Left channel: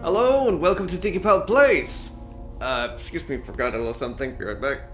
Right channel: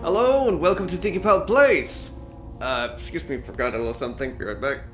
Hello and welcome to Digipal Place. Excuse me, forgot a little something. Be right back.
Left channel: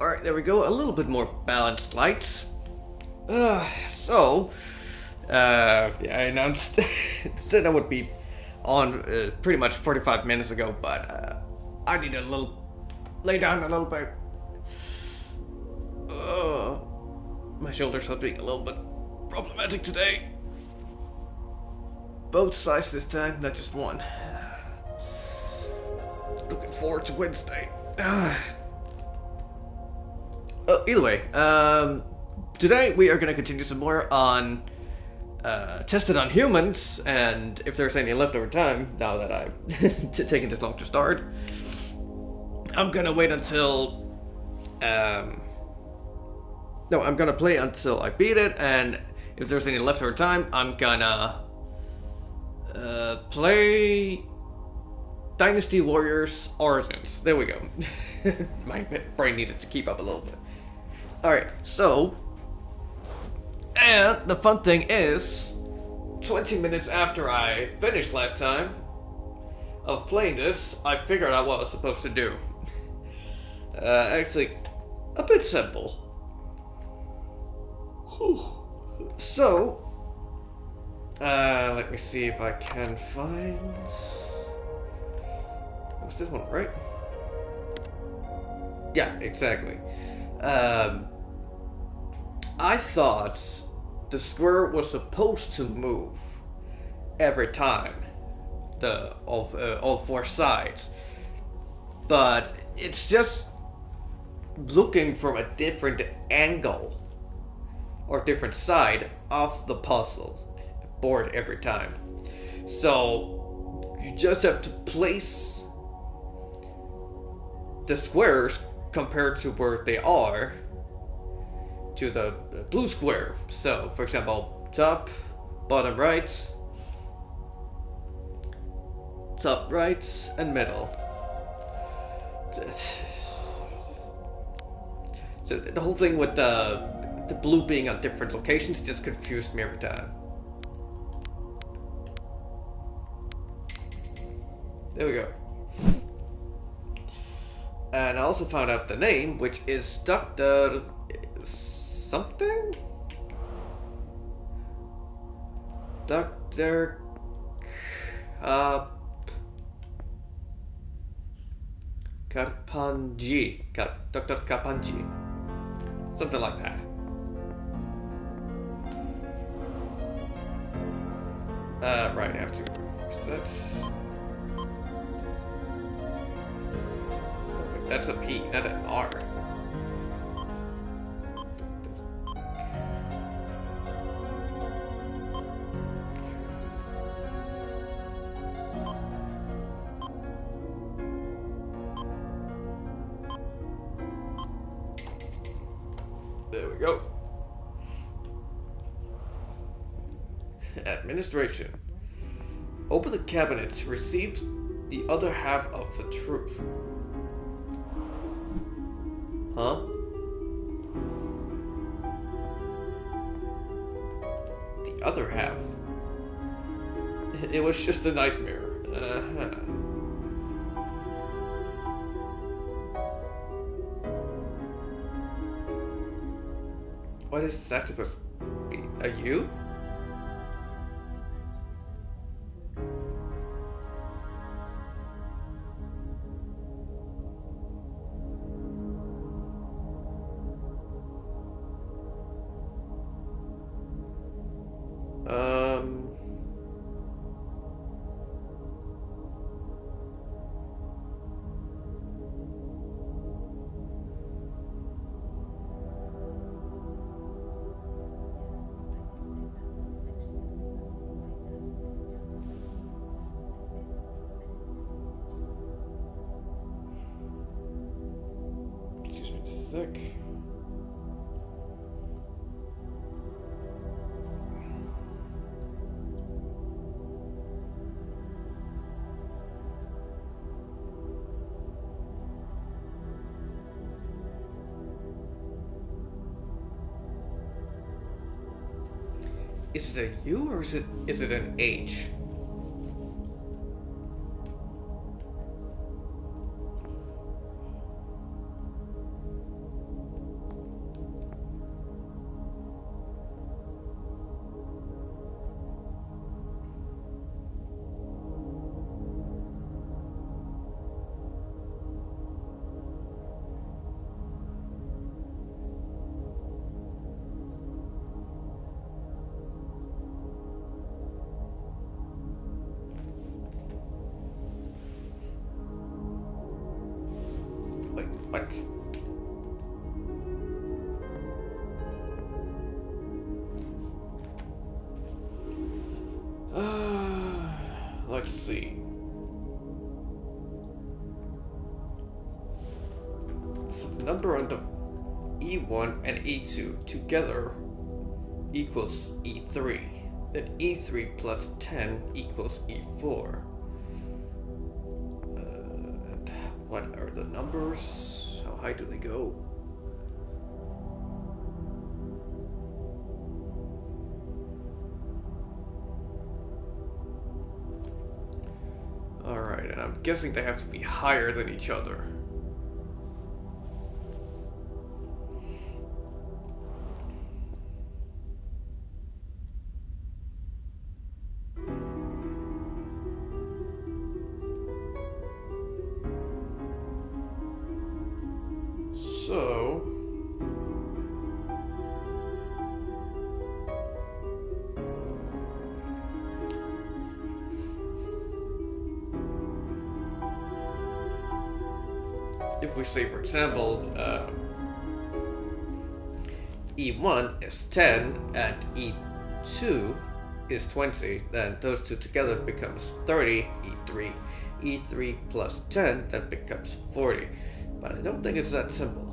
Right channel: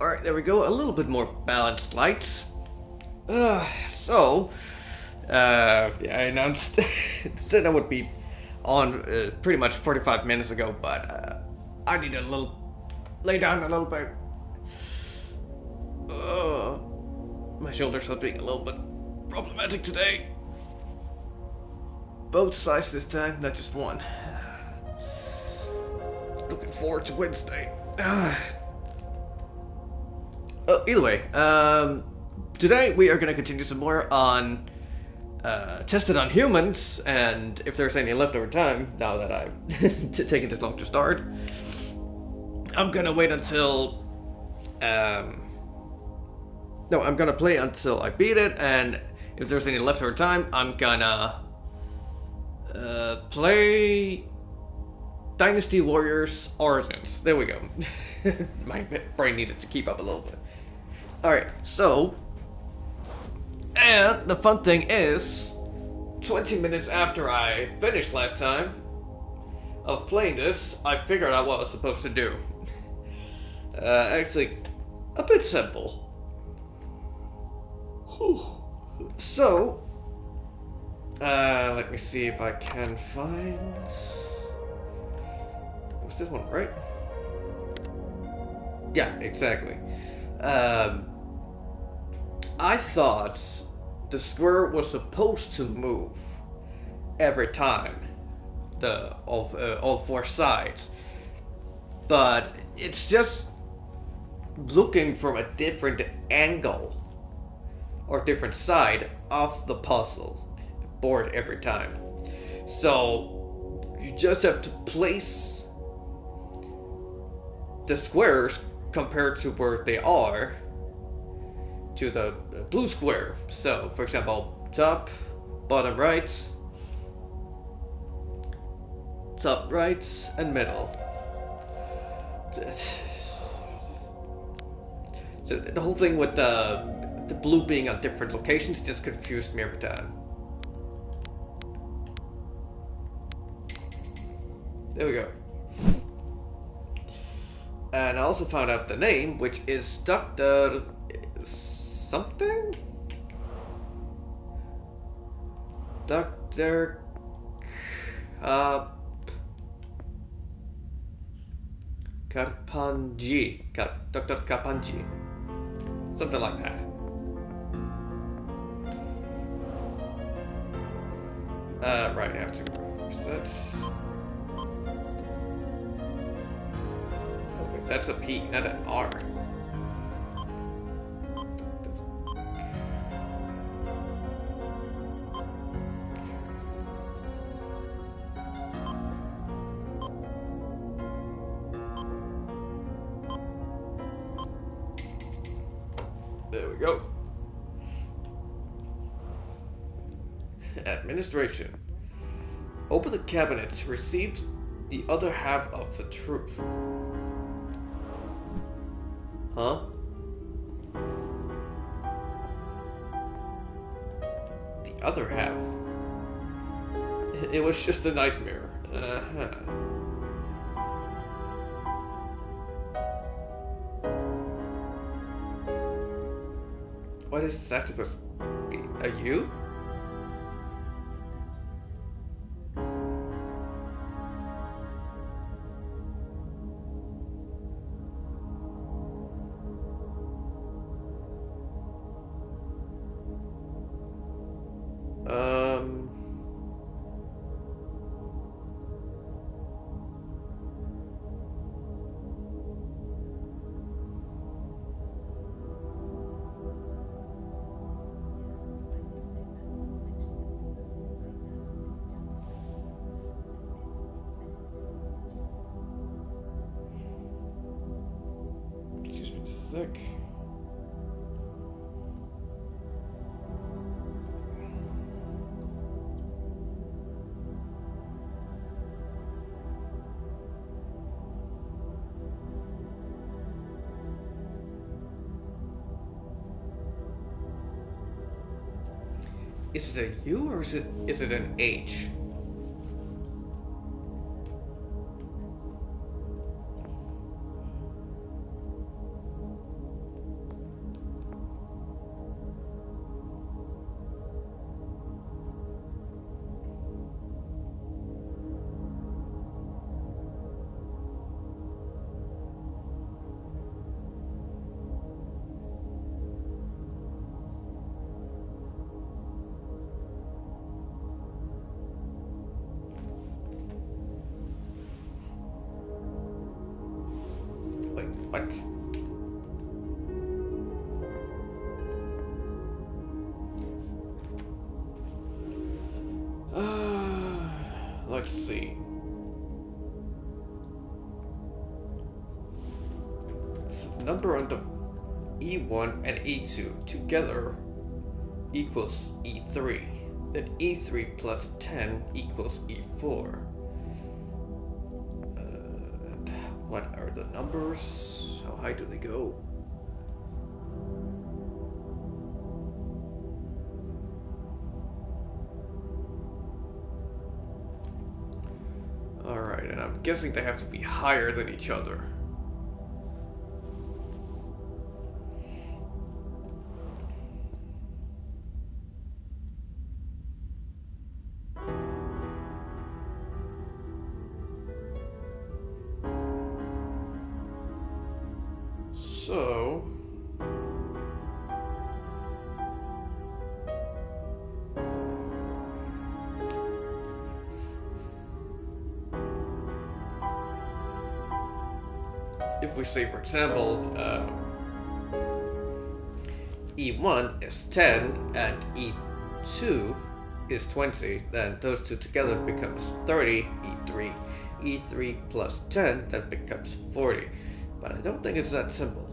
Alright, there we go. A little bit more balanced lights. Yeah, I announced said I would be on pretty much 45 minutes ago, but I need a little lay down a little bit. My shoulders are being a little bit problematic today. Both sides this time, not just one. Looking forward to Wednesday. Either way, today we are going to continue some more on tested on humans, and if there's any leftover time, now that I've taken this long to start, I'm going to wait until... No, I'm going to play until I beat it, and if there's any leftover time, I'm going to play Dynasty Warriors Origins. There we go. My brain needed to keep up a little bit. Alright, so... And the fun thing is, 20 minutes after I finished last time of playing this, I figured out what I was supposed to do. Actually, a bit simple. So, let me see if I can find... What's this one, right? Yeah, exactly. I thought the square was supposed to move every time, all four sides, but it's just looking from a different angle or different side of the puzzle board every time. So you just have to place the squares compared to where they are to the blue square. So, for example, top, bottom right, and middle. So the whole thing with the blue being on different locations just confused me every time. There we go. And I also found out the name, which is Dr. something? Dr. Karpanji. Dr. Karpanji. Something like that. Right, I have to reset. Oh, wait, that's a P, not an R. There we go. Administration. Open the cabinets. Receive the other half of the truth. Huh? The other half? It was just a nightmare. Uh-huh. What is that supposed to be? A you? Um... Sick. Is it a U or is it an H? Wait, what? Let's see. So the number on the E1 and E2 together equals E3. Then E3 plus 10 equals E4. And what are the numbers? How high do they go? Alright, and I'm guessing they have to be higher than each other. So... if we say, for example, E1 is 10 and E2 is 20, then those two together becomes 30, E3. E3 plus 10, that becomes 40. But I don't think it's that simple.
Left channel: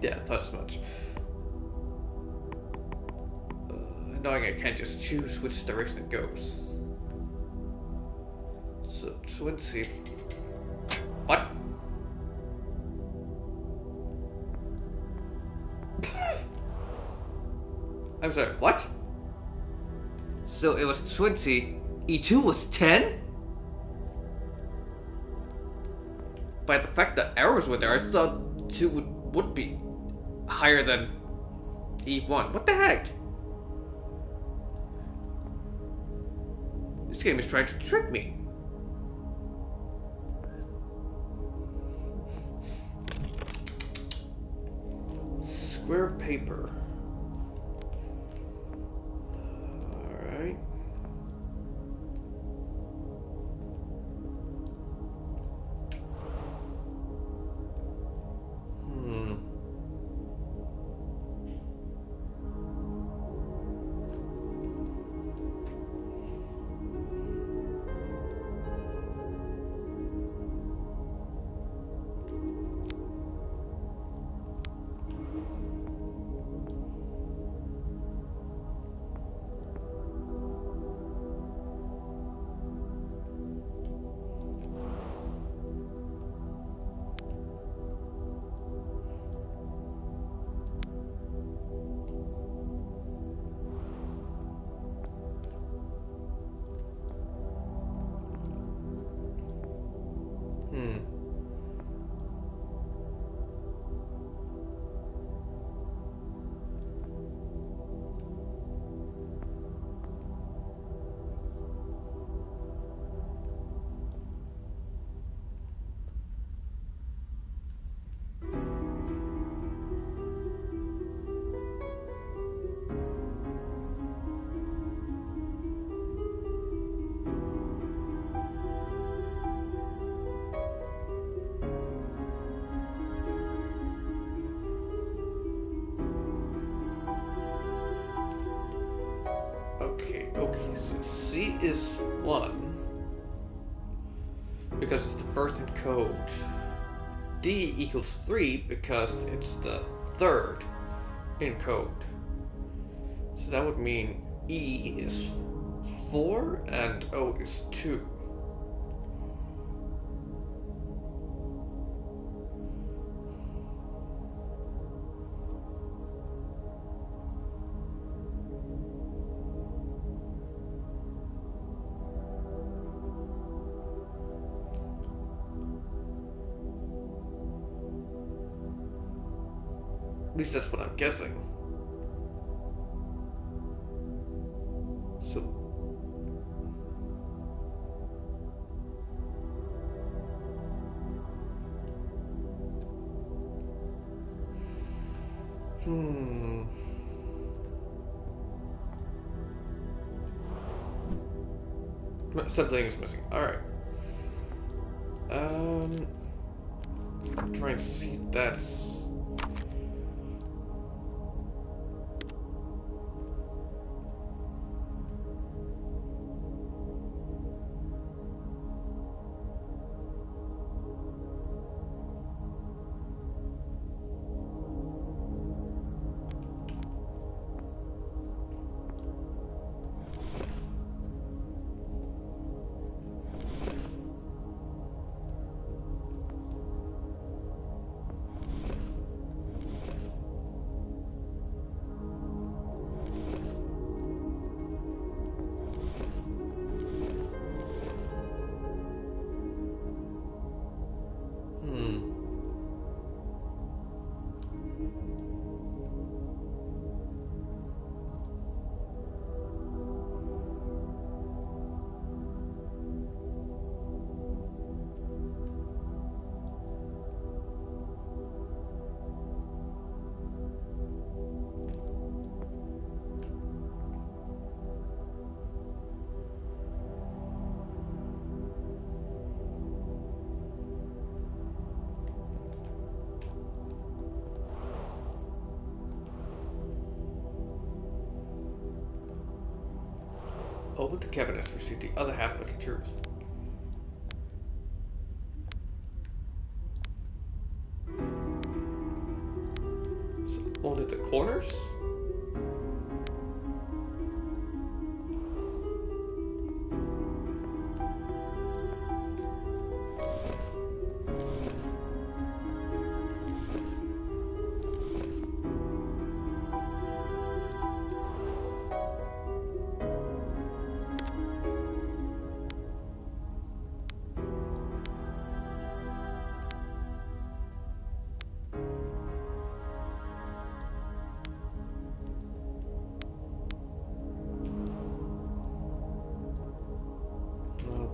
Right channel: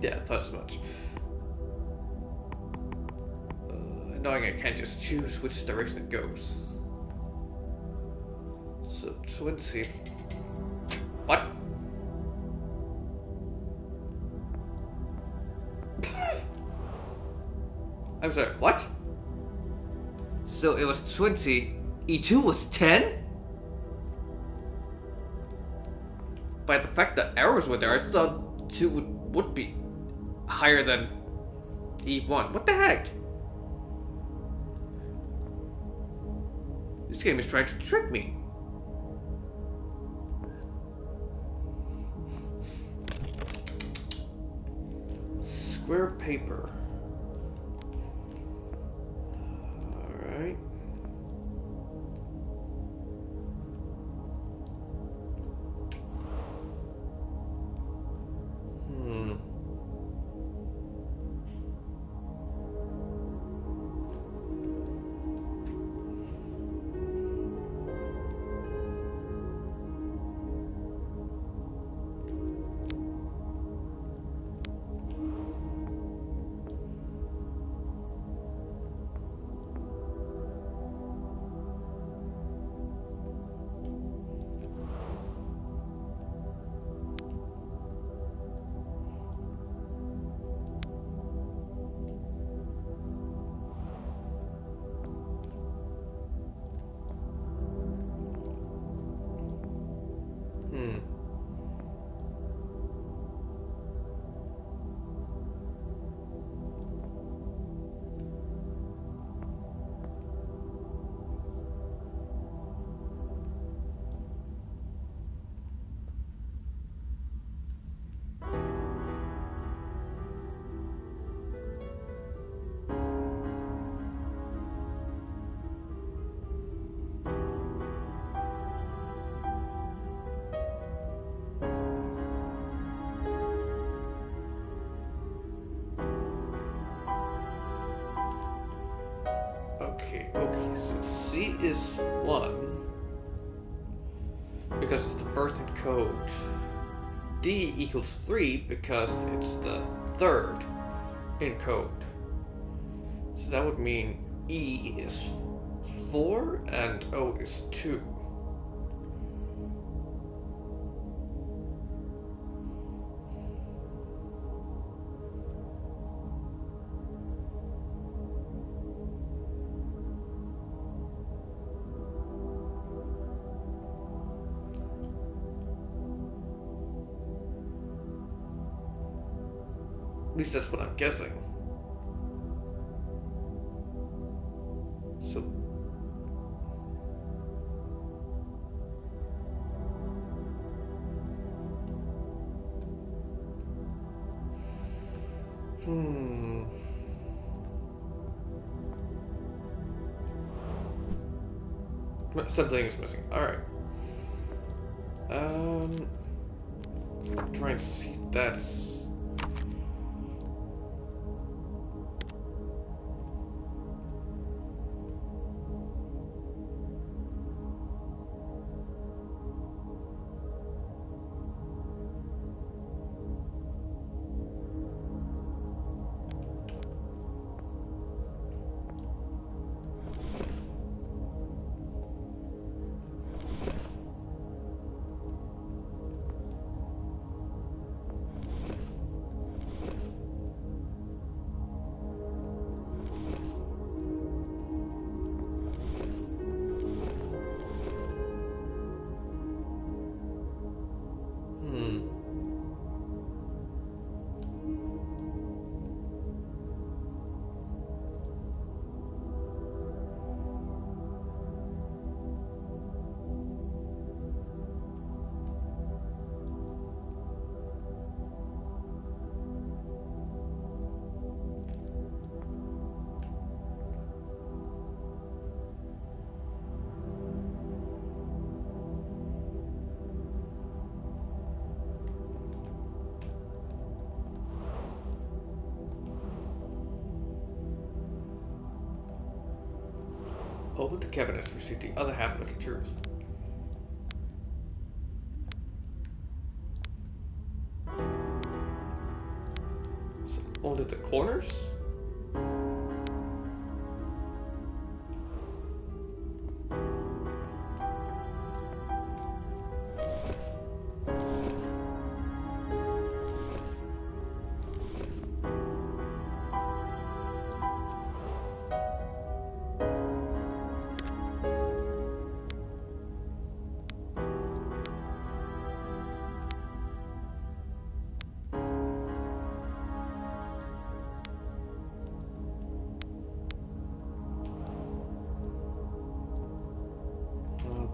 Yeah, I thought as much. Knowing I can't just choose which direction it goes. So 20. What? I'm sorry, what? So it was 20, E2 was 10? By the fact that arrows were there, I thought 2 would be higher than E1. What the heck? This game is trying to trick me. Square paper. Alright. Okay, so C is 1 because it's the first in code. D equals 3 because it's the third in code. So that would mean E is 4 and O is 2. At least that's what I'm guessing. So something is missing. Alright. Try and see that's open the cabinets, receive the other half of the truth. So only the corners?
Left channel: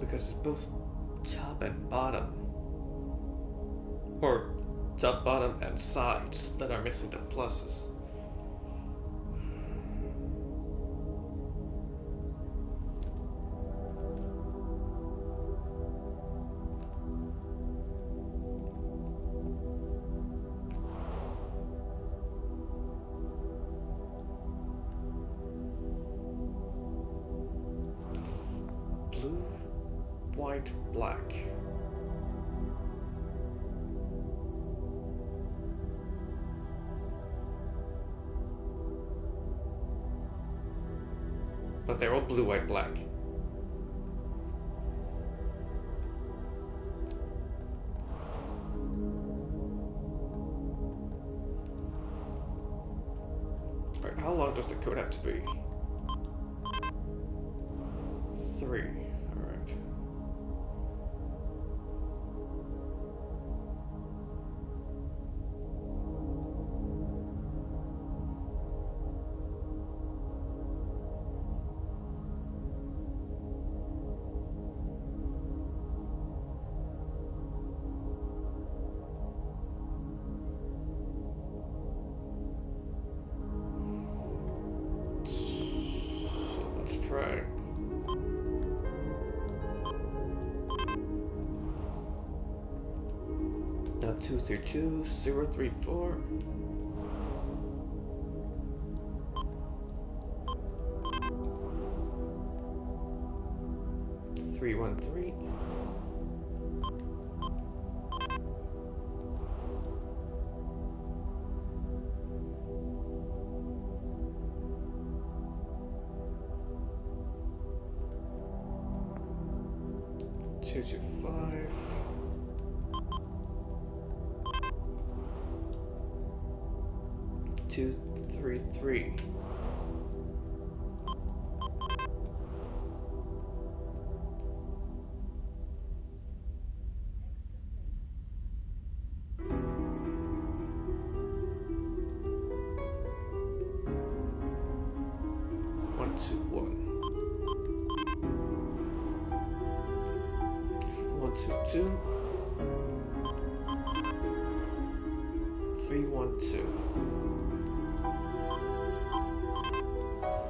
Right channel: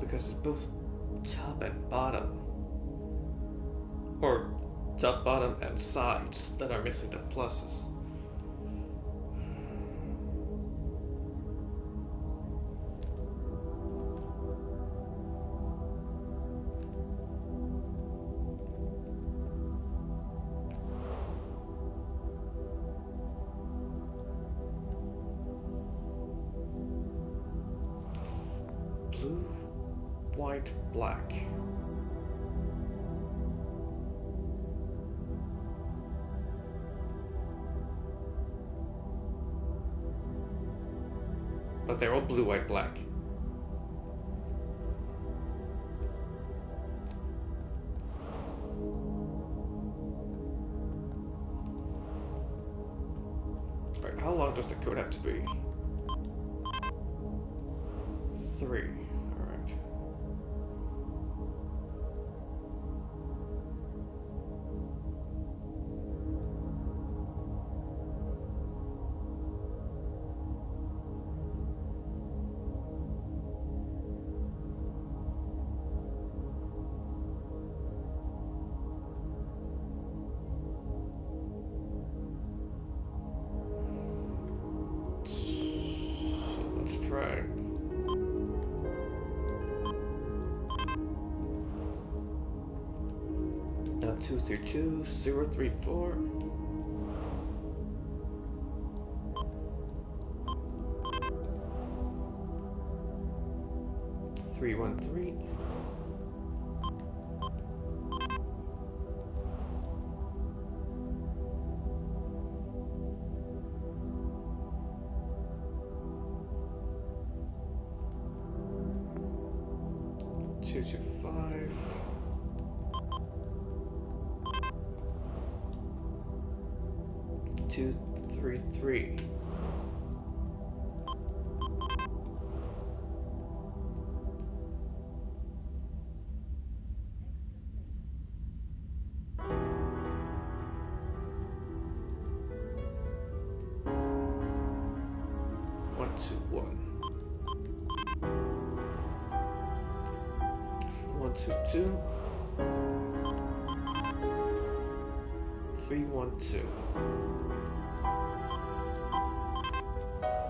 Because it's both top and bottom. Or top, bottom, and sides that are missing the pluses. Blue, white, black. But they're all blue, white, black. Alright, how long does the code have to be? 3. Alright. So let's try. Now 232 034. 313. Two, two, 5. 2, 3, 3. One, two, 1. 1, 2, 2. 3, 1, 2.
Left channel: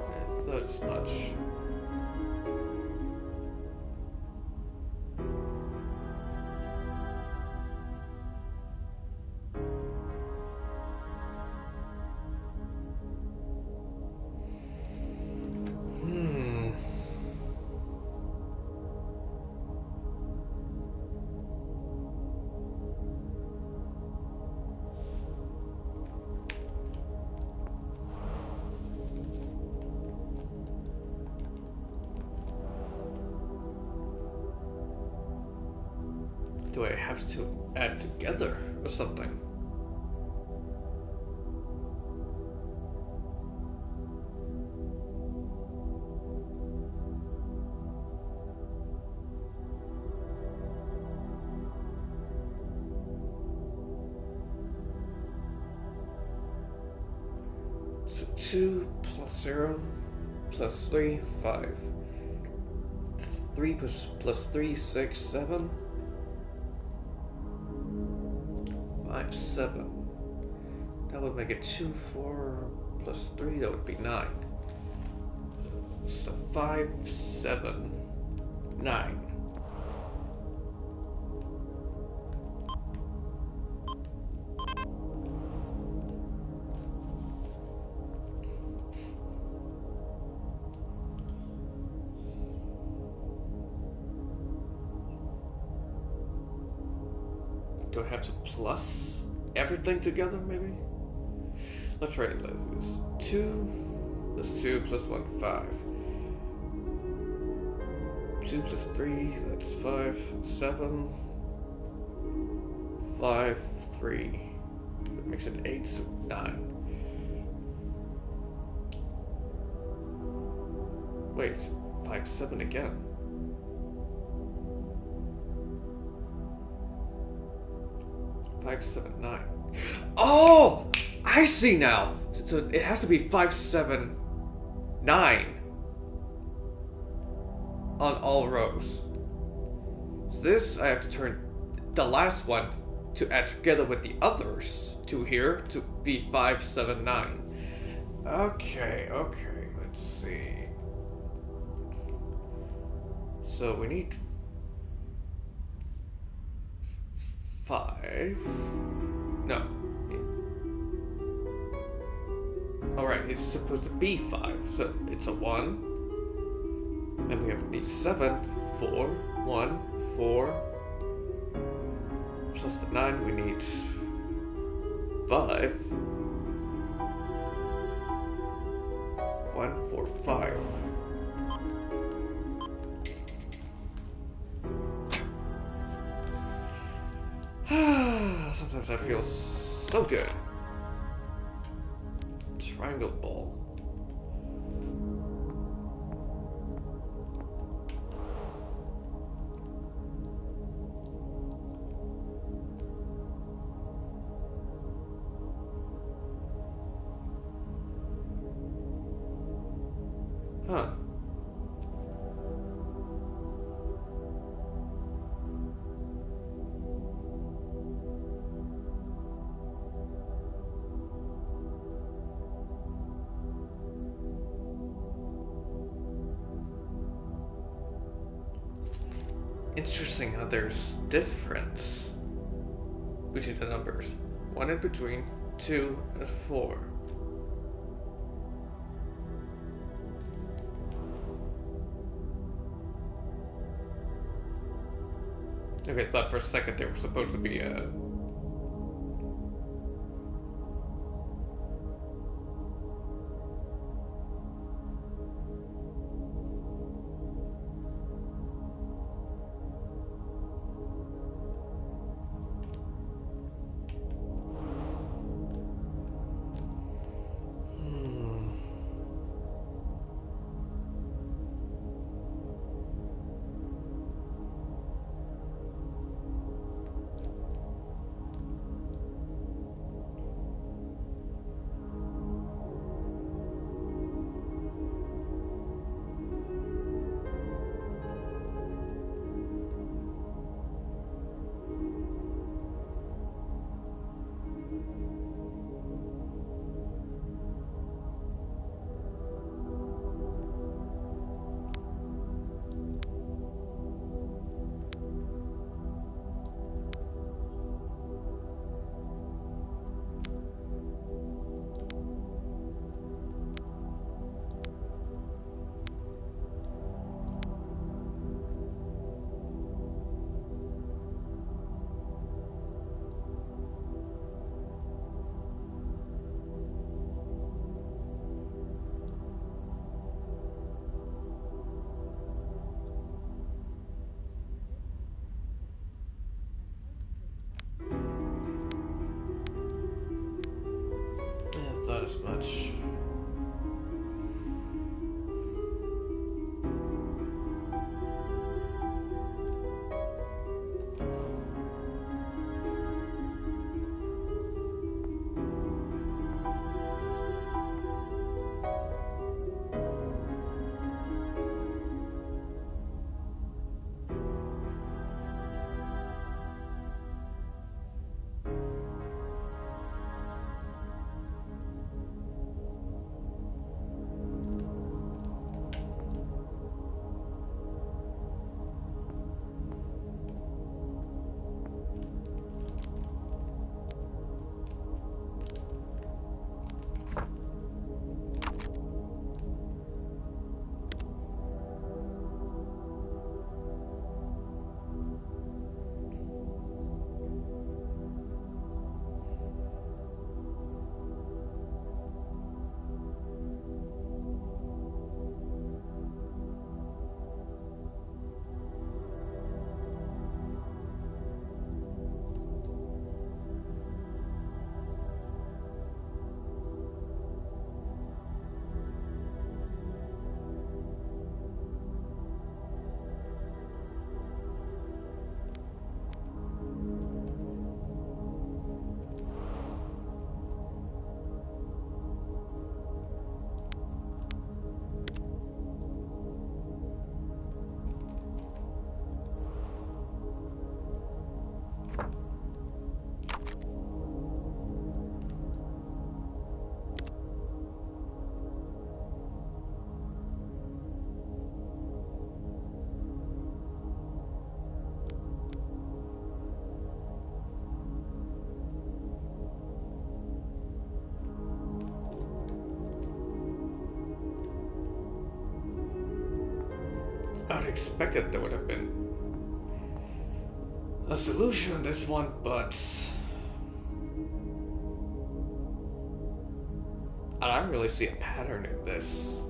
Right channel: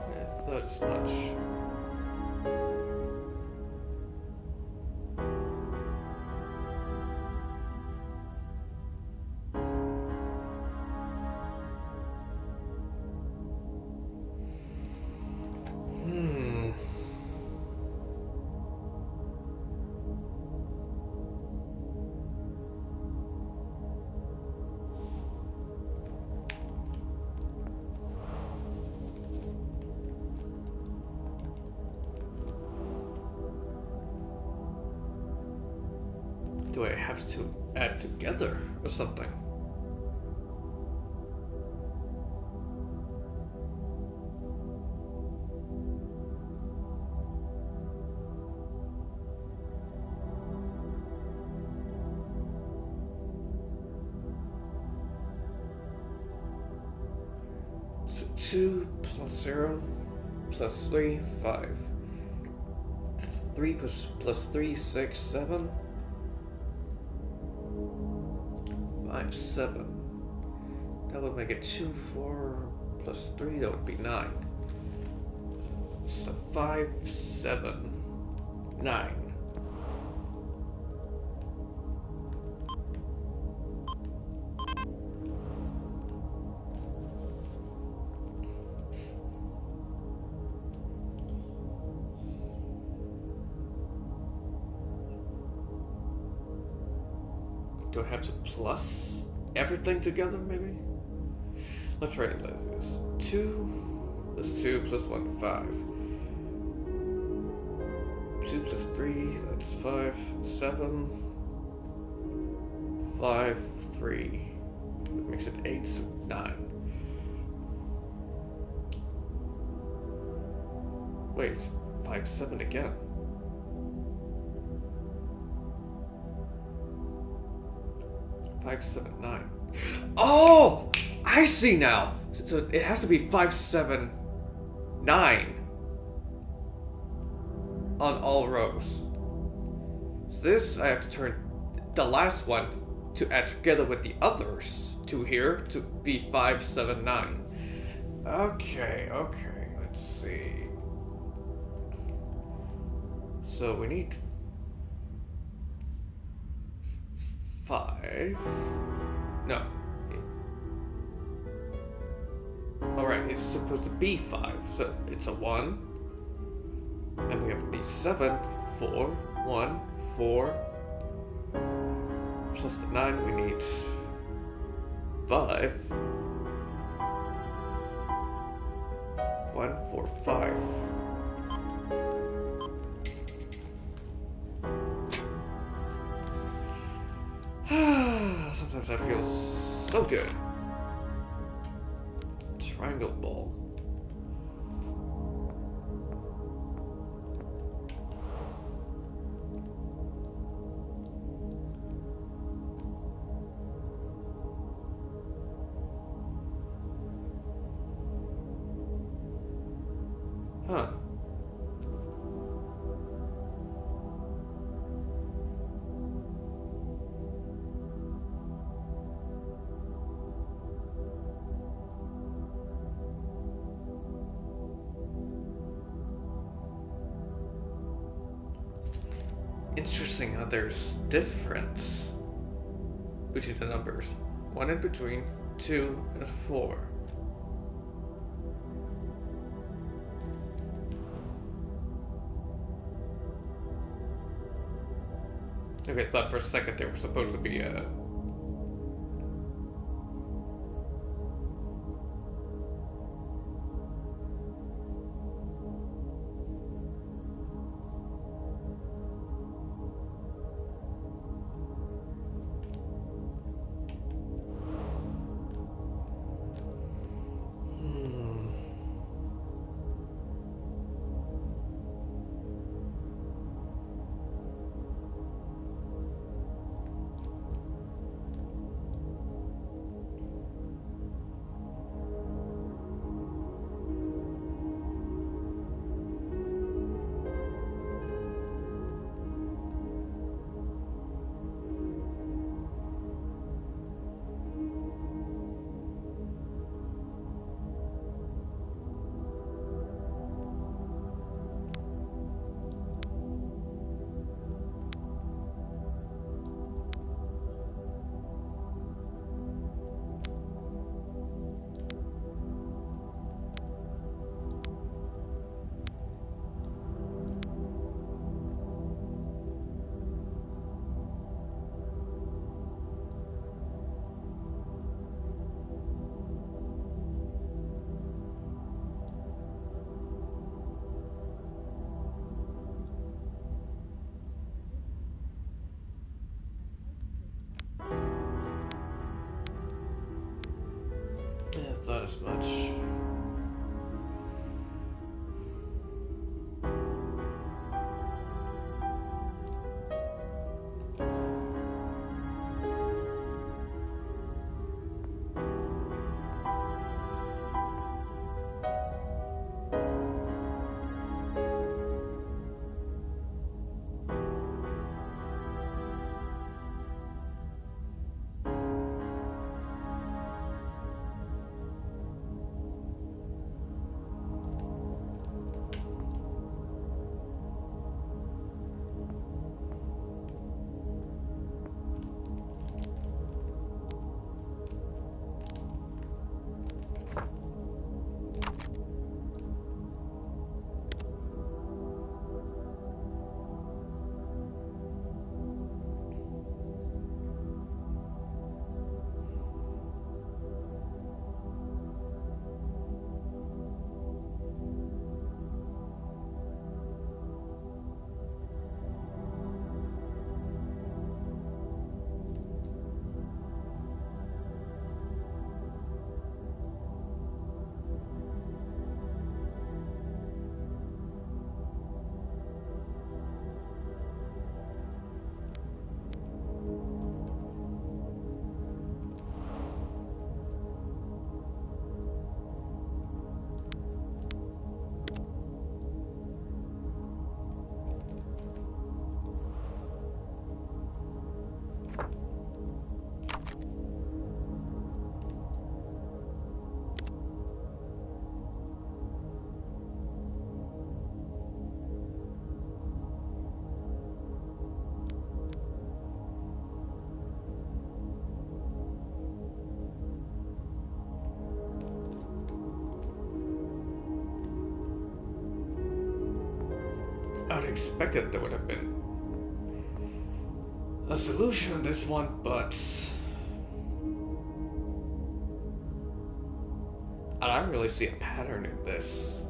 I thought as much. Do I have to add together or something? So 2 plus 0 plus 3, 5. 3 plus 3, 6, 7. 5, 7. That would make it 2, 4 plus 3, that would be 9. So 5, 7, 9. Do I have to plus everything together, maybe? Let's try it like this. 2 plus 2 plus 1, 5. 2 plus 3, that's 5. 7. 5, 3. That makes it 8, so 9. Wait, 5, 7 again. Five, 7, 9. Oh! I see now! So it has to be 5, 7, 9 on all rows. So this, I have to turn the last one to add together with the others to here to be 5, 7, 9. Okay, let's see. So we need 5. No. Alright, it's supposed to be 5, so it's a 1. Then we have to be 7, 4, 1, 4. Plus the 9, we need 5. 1, 4, 5. Sometimes that feels so good. Triangle ball. Huh. Interesting how there's difference between the numbers. 1 in between, 2 and 4. Okay, I thought for a second they were supposed to be I thought as much. I'd expected there would have been a solution to this one, but I don't really see a pattern in this.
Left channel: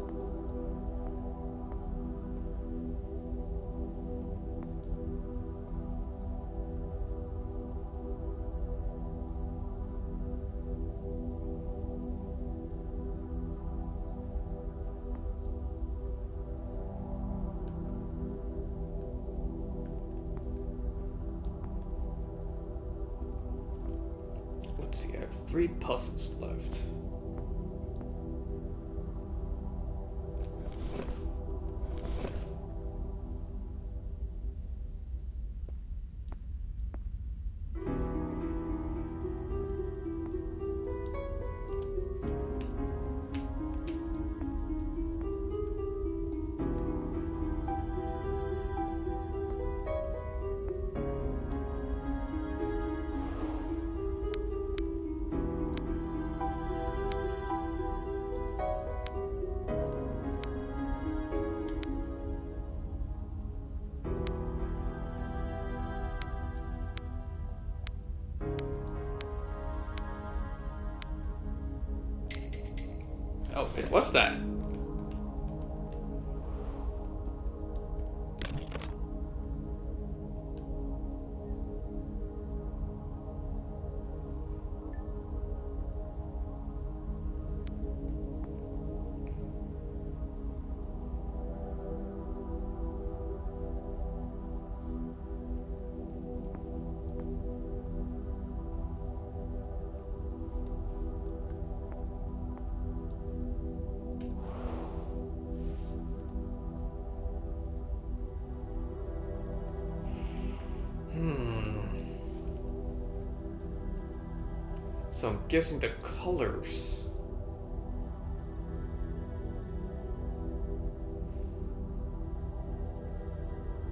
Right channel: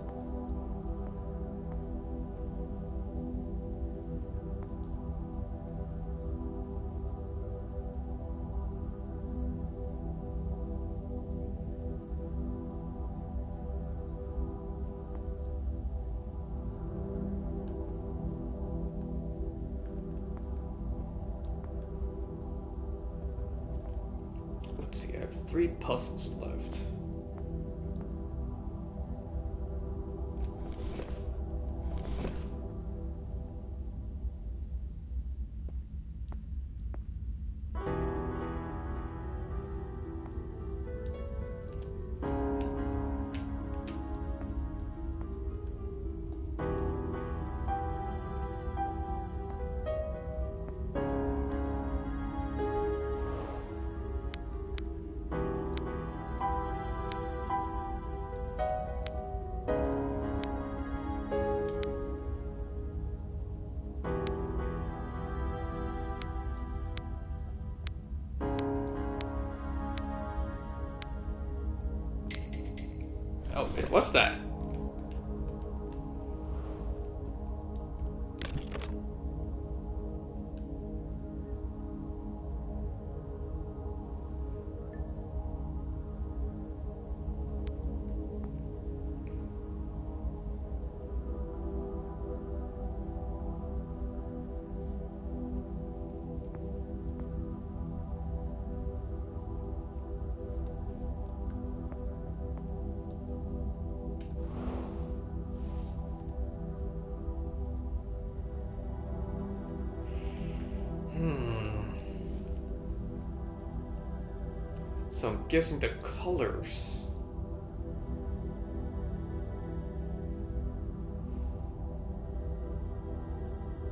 Let's see, I have 3 puzzles left. Oh, it was that. So I'm guessing the colors.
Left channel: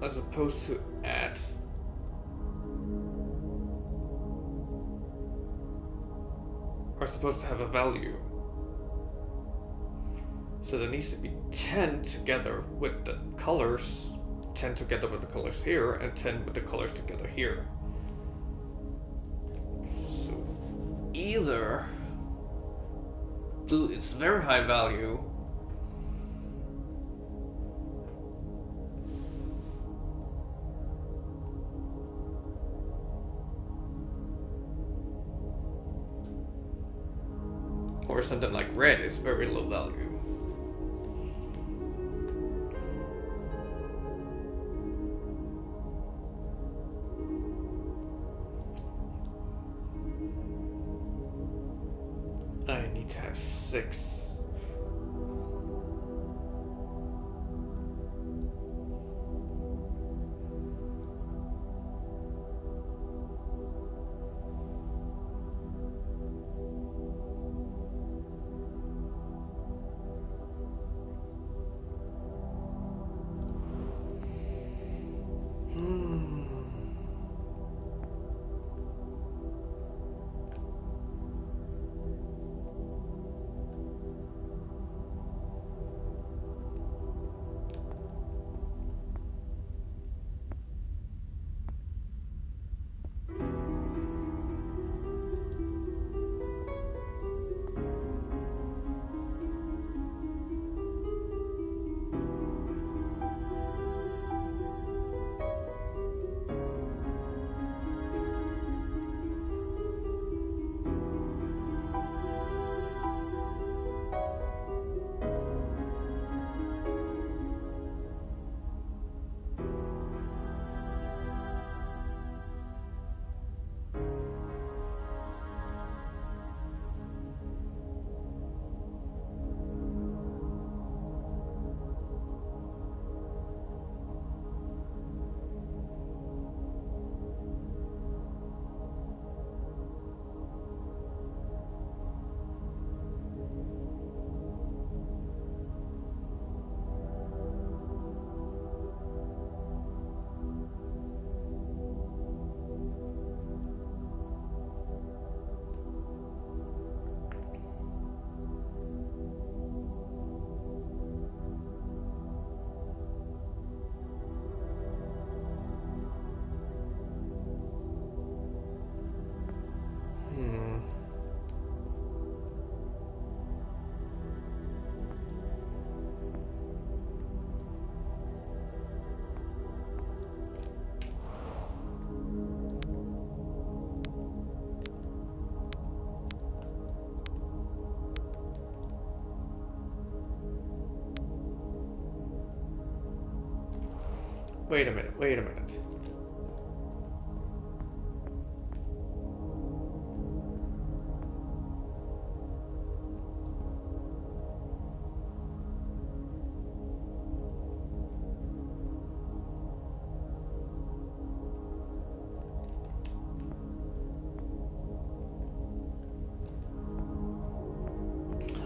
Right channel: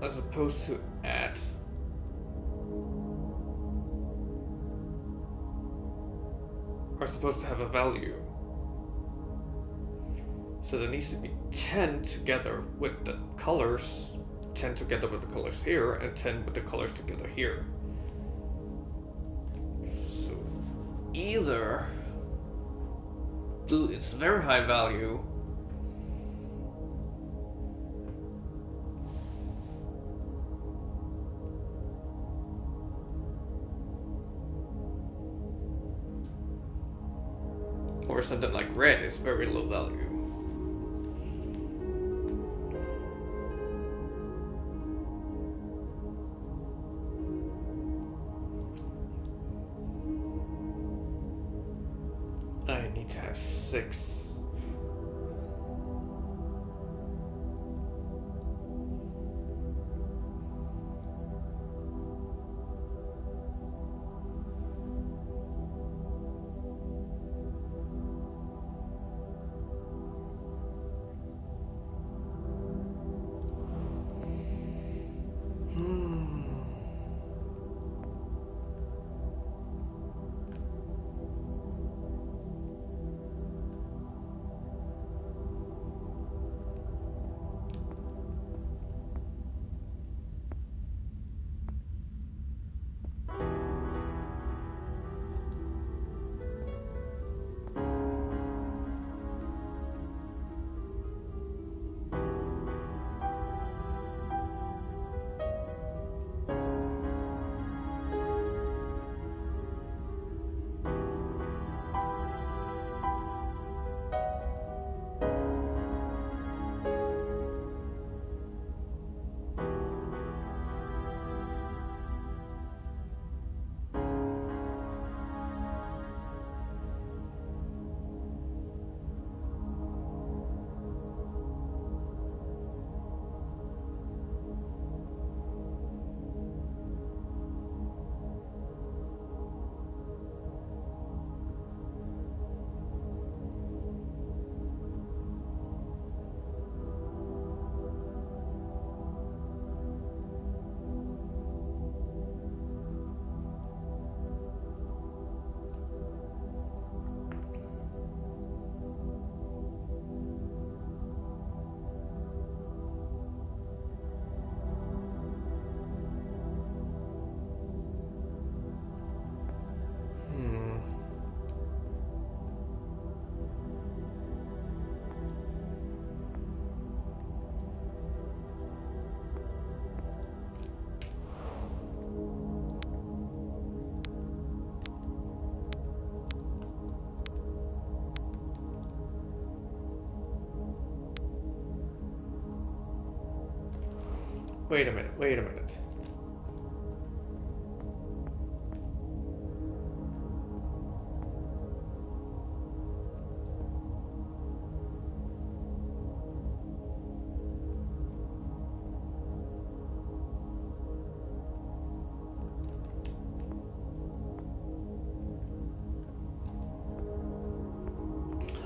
As opposed to add. Are supposed to have a value. So there needs to be 10 together with the colors, 10 together with the colors here, and 10 with the colors together here. So either blue is very high value, or something like red is very low value. I need to have 6. Wait a minute.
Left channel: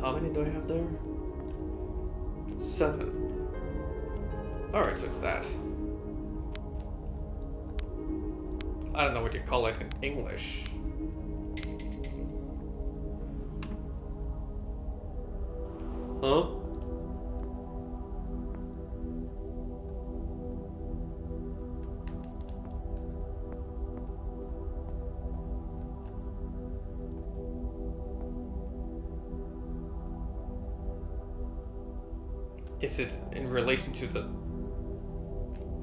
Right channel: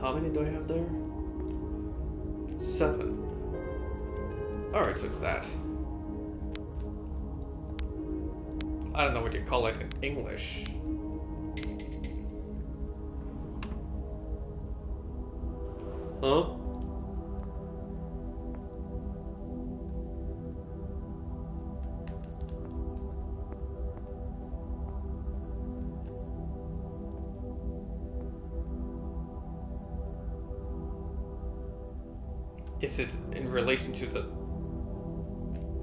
How many do I have there? 7. Alright, so it's that. I don't know what you call it in English. Huh? Is it in relation to the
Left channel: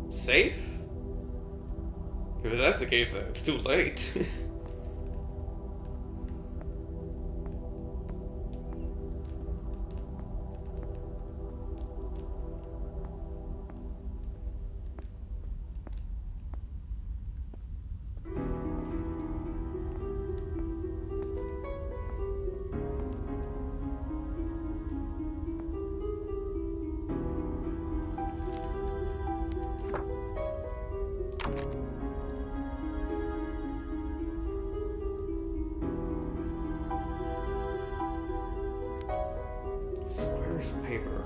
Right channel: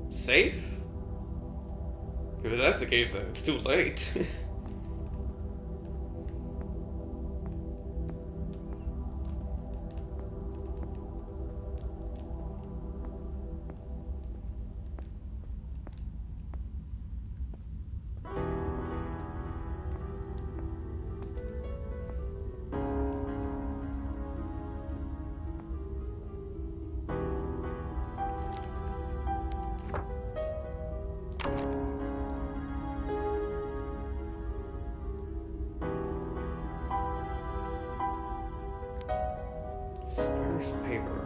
safe? If that's the case, then it's too late. Squares paper.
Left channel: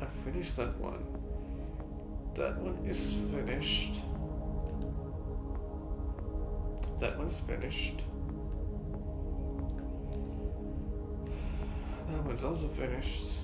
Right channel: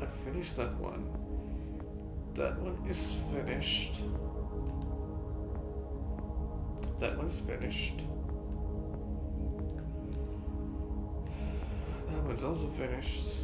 I finished that one. That one is finished. That one's finished. That one's also finished.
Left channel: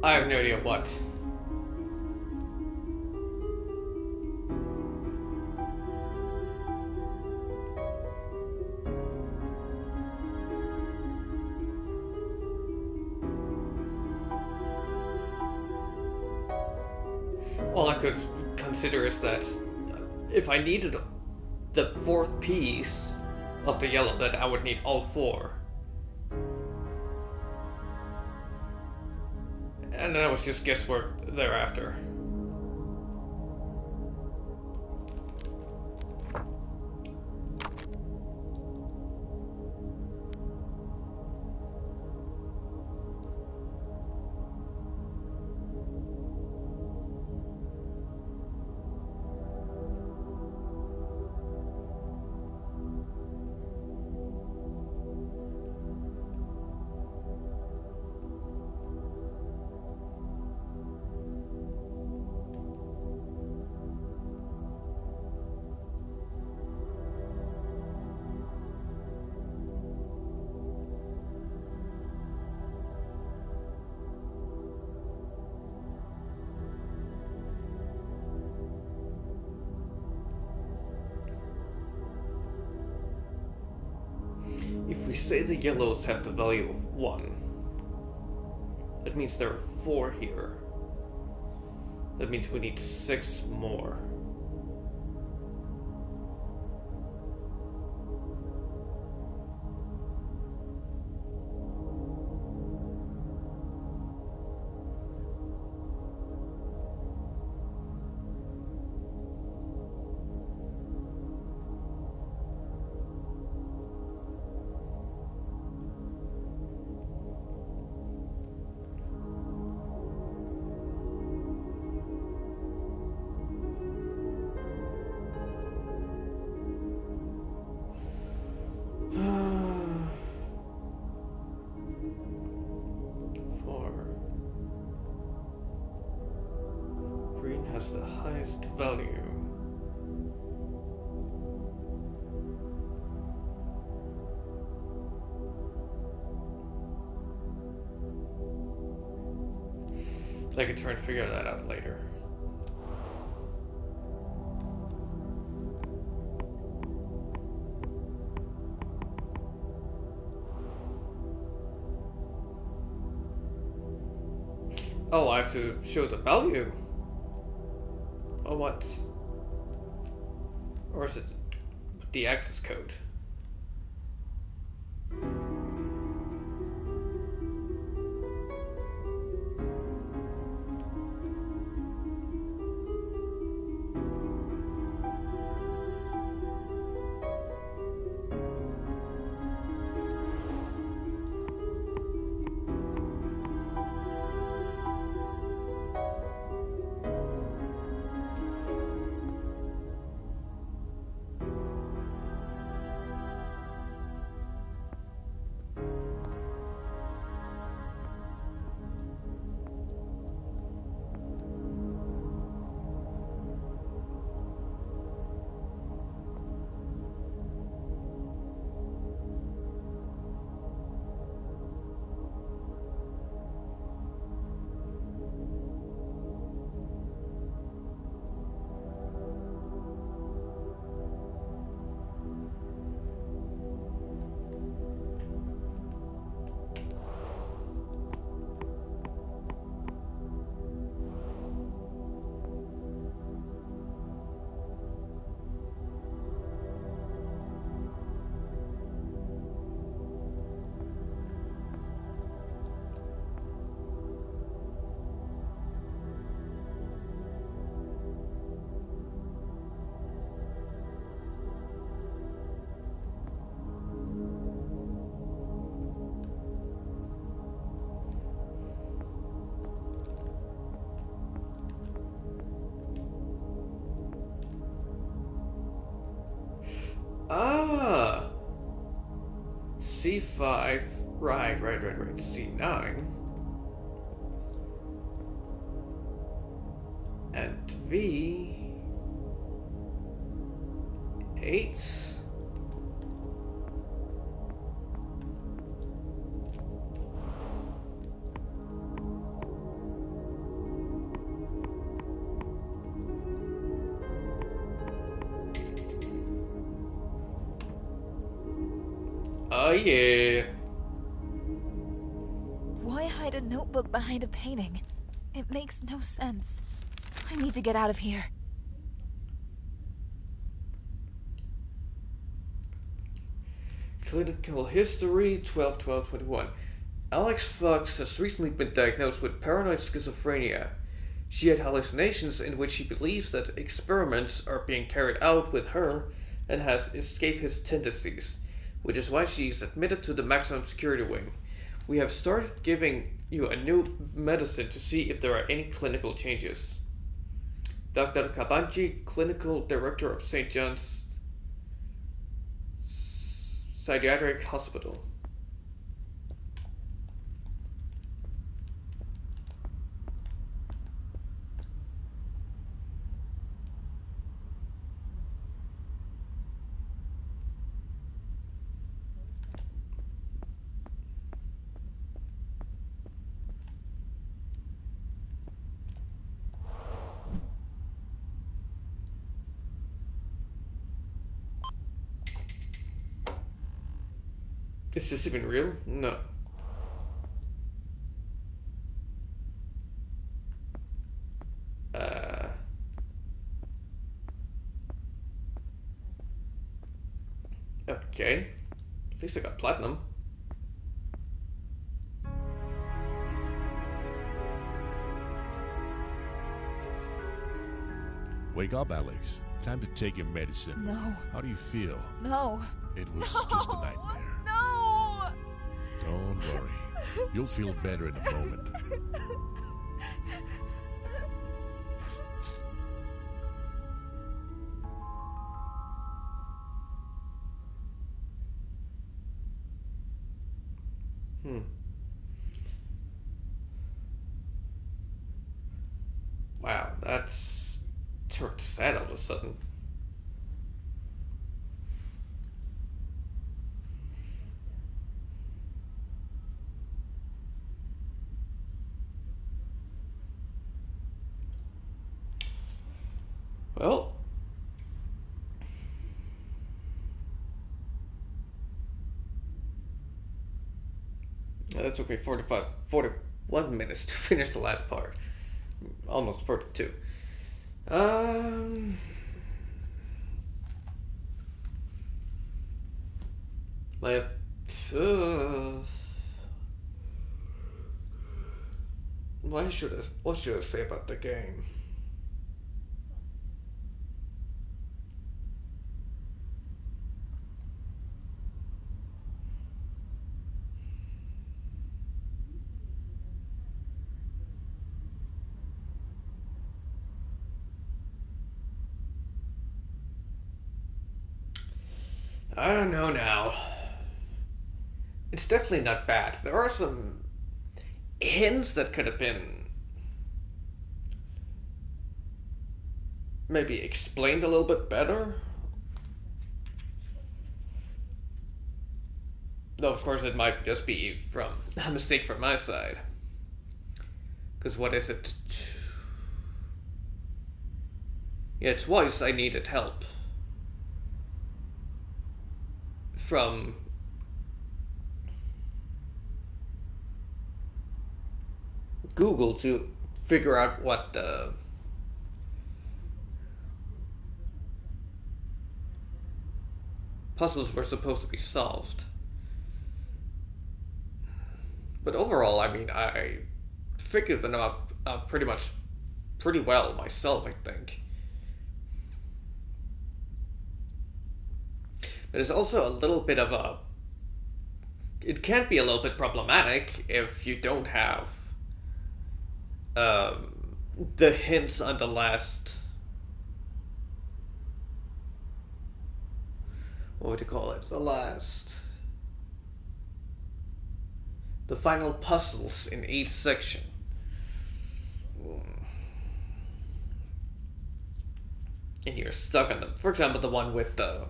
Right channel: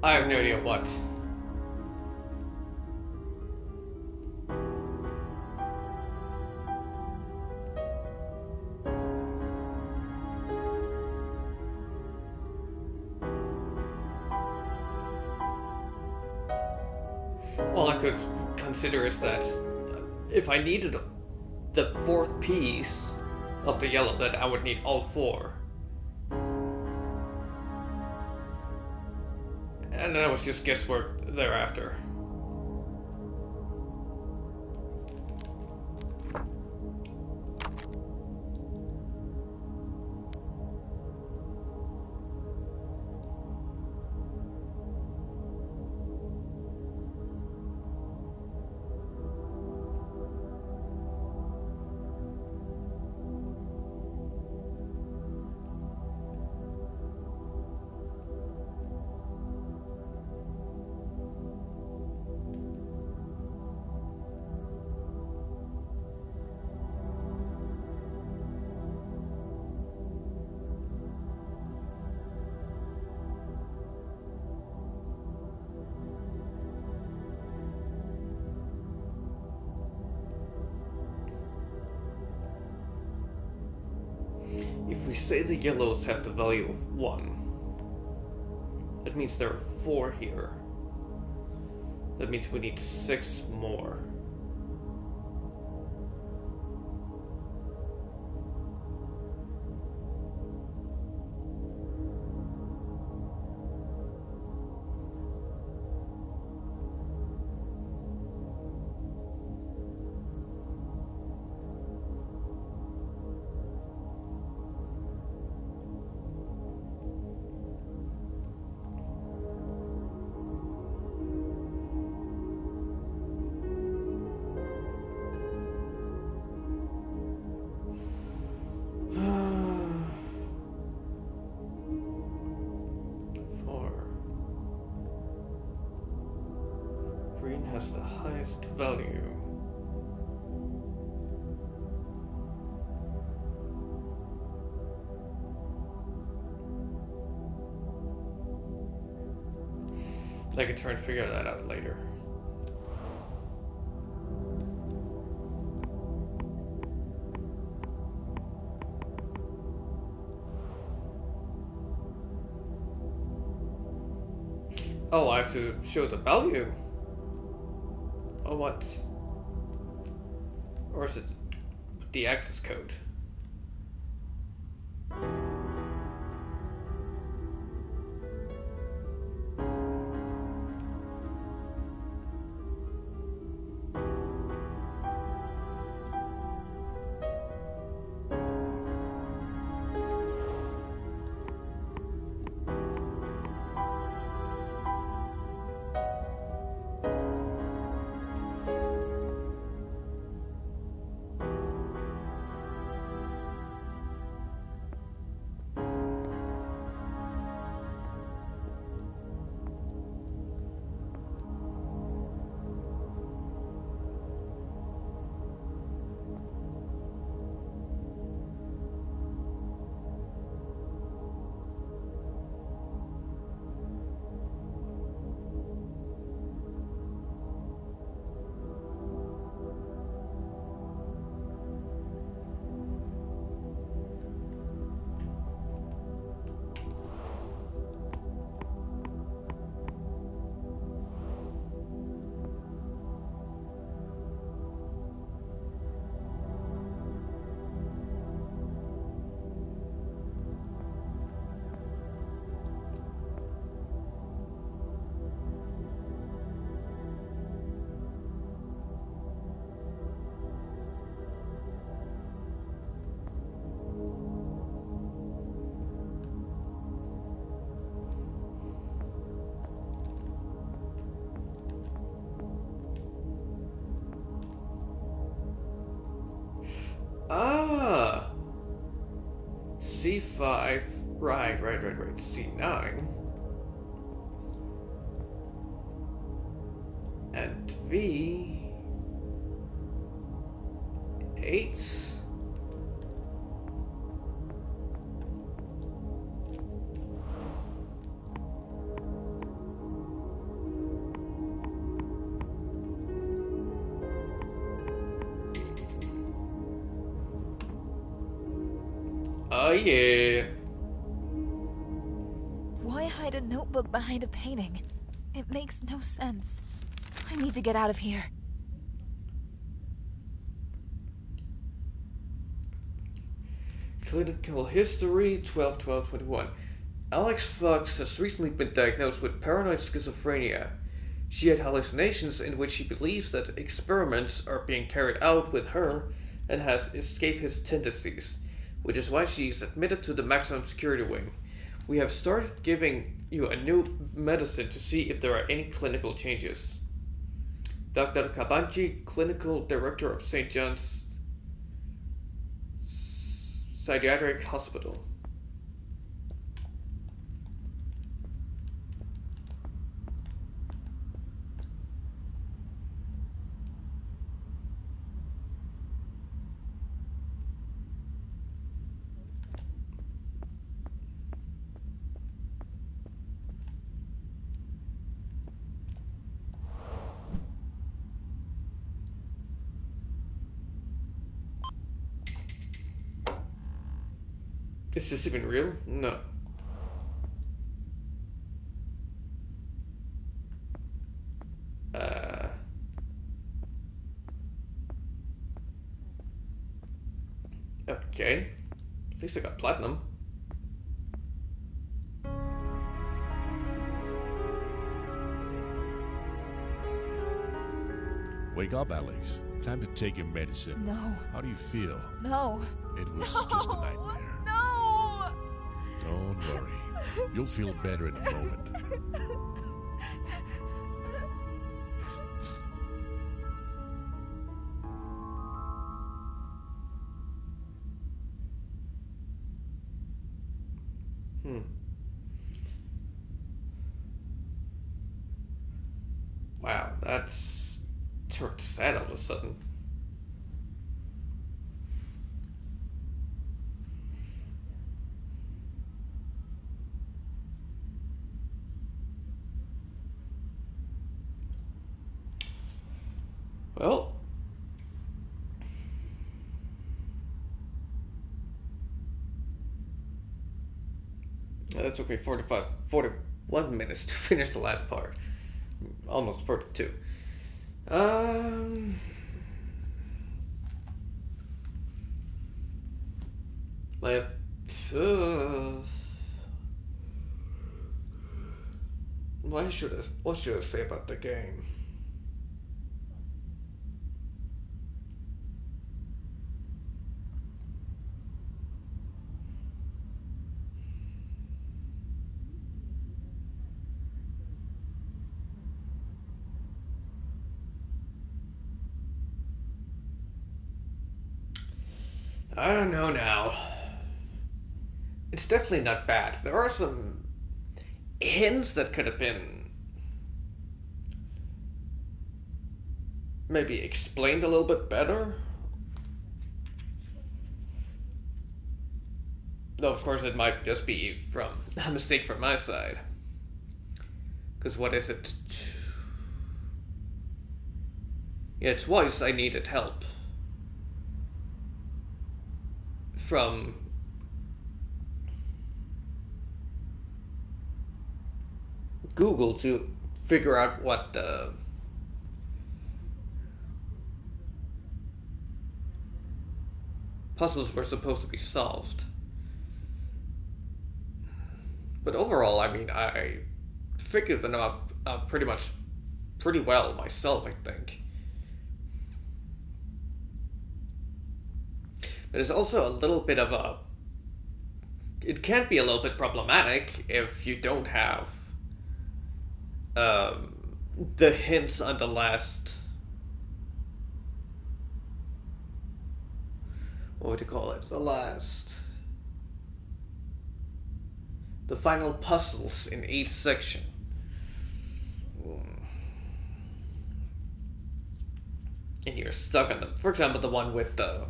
I have no idea what. All I could consider is that if I needed the fourth piece of the yellow, that I would need all four. And then it was just guesswork thereafter. If we say the yellows have the value of 1, that means there are 4 here. That means we need 6 more. Green has the highest value. I could try and figure that out later. Oh, I have to show the value? Or what? Or is it the access code? Ah! C5. Right. C9. And V8. Oh yeah. Why hide a notebook behind a painting? It makes no sense. I need to get out of here. Clinical history 12-12-21. Alex Fox has recently been diagnosed with paranoid schizophrenia. She had hallucinations in which she believes that experiments are being carried out with her and has escapist tendencies, which is why she is admitted to the maximum security wing. We have started giving you a new medicine to see if there are any clinical changes. Dr. Kabanji, clinical director of St. John's Psychiatric Hospital. Is this even real? No. Okay. At least I got platinum. Wake up, Alex. Time to take your medicine. No. How do you feel? No. It was just a nightmare. No! Don't worry. You'll feel better in a moment. Wow, that's turned sad all of a sudden. Well, that's okay. 41 minutes to finish the last part. Almost 42. Um, my, what should I say about the game? I don't know now. It's definitely not bad. There are some hints that could have been maybe explained a little bit better. Though, of course, it might just be from a mistake from my side. Because what is it? Yeah, twice I needed help from Google to figure out what the puzzles were supposed to be solved. But overall, I mean, I figured them out pretty well myself, I think. But it's also a little bit of a. It can be a little bit problematic if you don't have the hints on the last. What would you call it? The final puzzles in each section. And you're stuck on them. For example, the one with the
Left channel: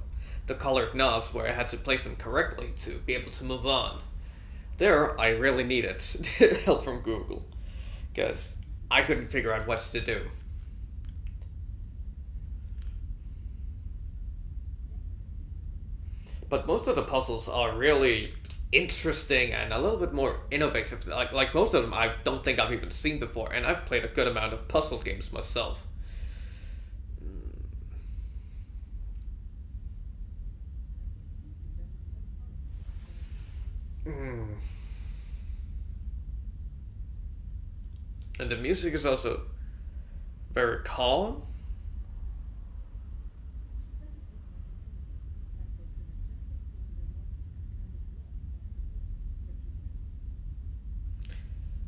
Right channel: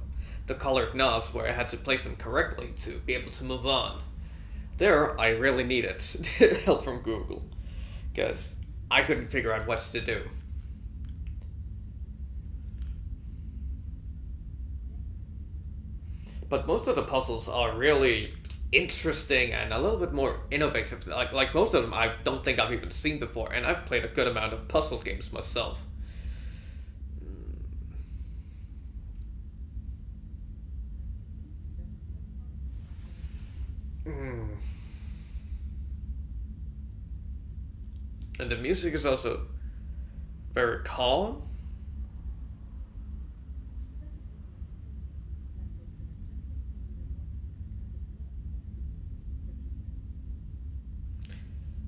colored knobs where I had to place them correctly to be able to move on. There, I really needed help from Google because I couldn't figure out what to do. But most of the puzzles are really interesting and a little bit more innovative. Like most of them, I don't think I've even seen before, and I've played a good amount of puzzle games myself. Mm. And the music is also very calm.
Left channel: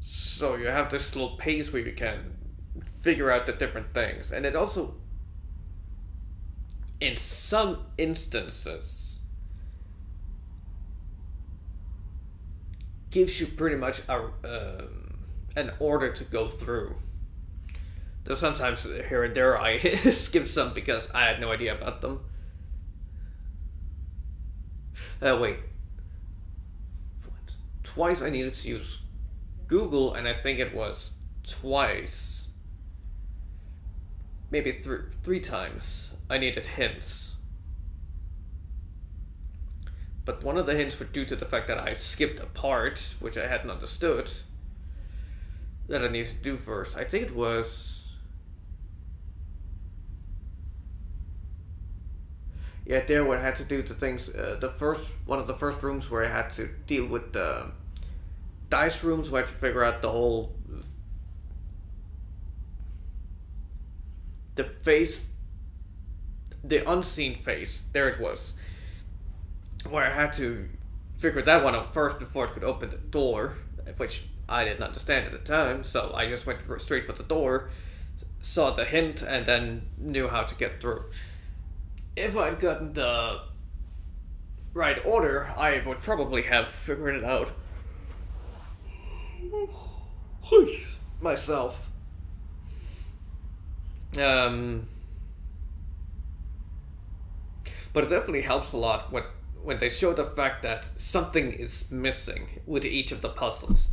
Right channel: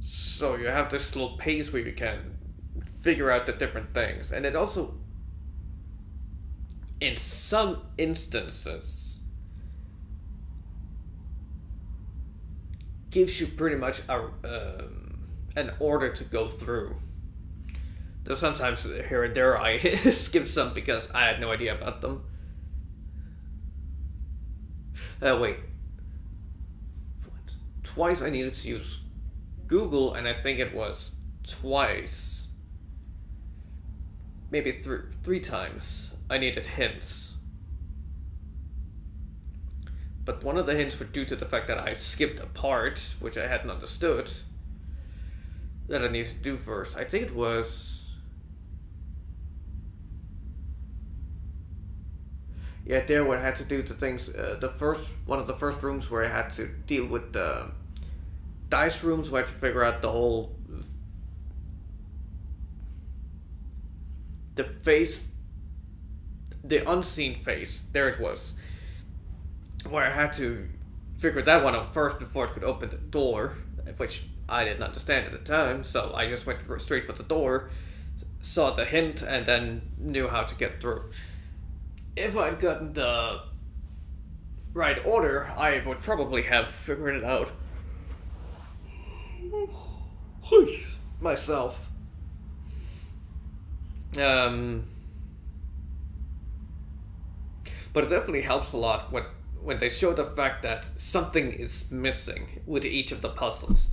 So you have this little pace where you can figure out the different things. And it also, in some instances, gives you pretty much an order to go through. Though sometimes here and there I skip some because I had no idea about them. Wait. Twice I needed to use Google, and I think it was twice. Maybe three times I needed hints. But one of the hints were due to the fact that I skipped a part, which I hadn't understood, that I needed to do first. I think it was. Yeah, there where I had to do the things. One of the first rooms where I had to deal with the dice rooms, where I had to figure out the face, the unseen face. There it was, where I had to figure that one out first before it could open the door, which I didn't understand at the time. So I just went straight for the door, saw the hint, and then knew how to get through. If I'd gotten the right order, I would probably have figured it out myself. Um, but it definitely helps a lot when they show the fact that something is missing with each of the puzzles,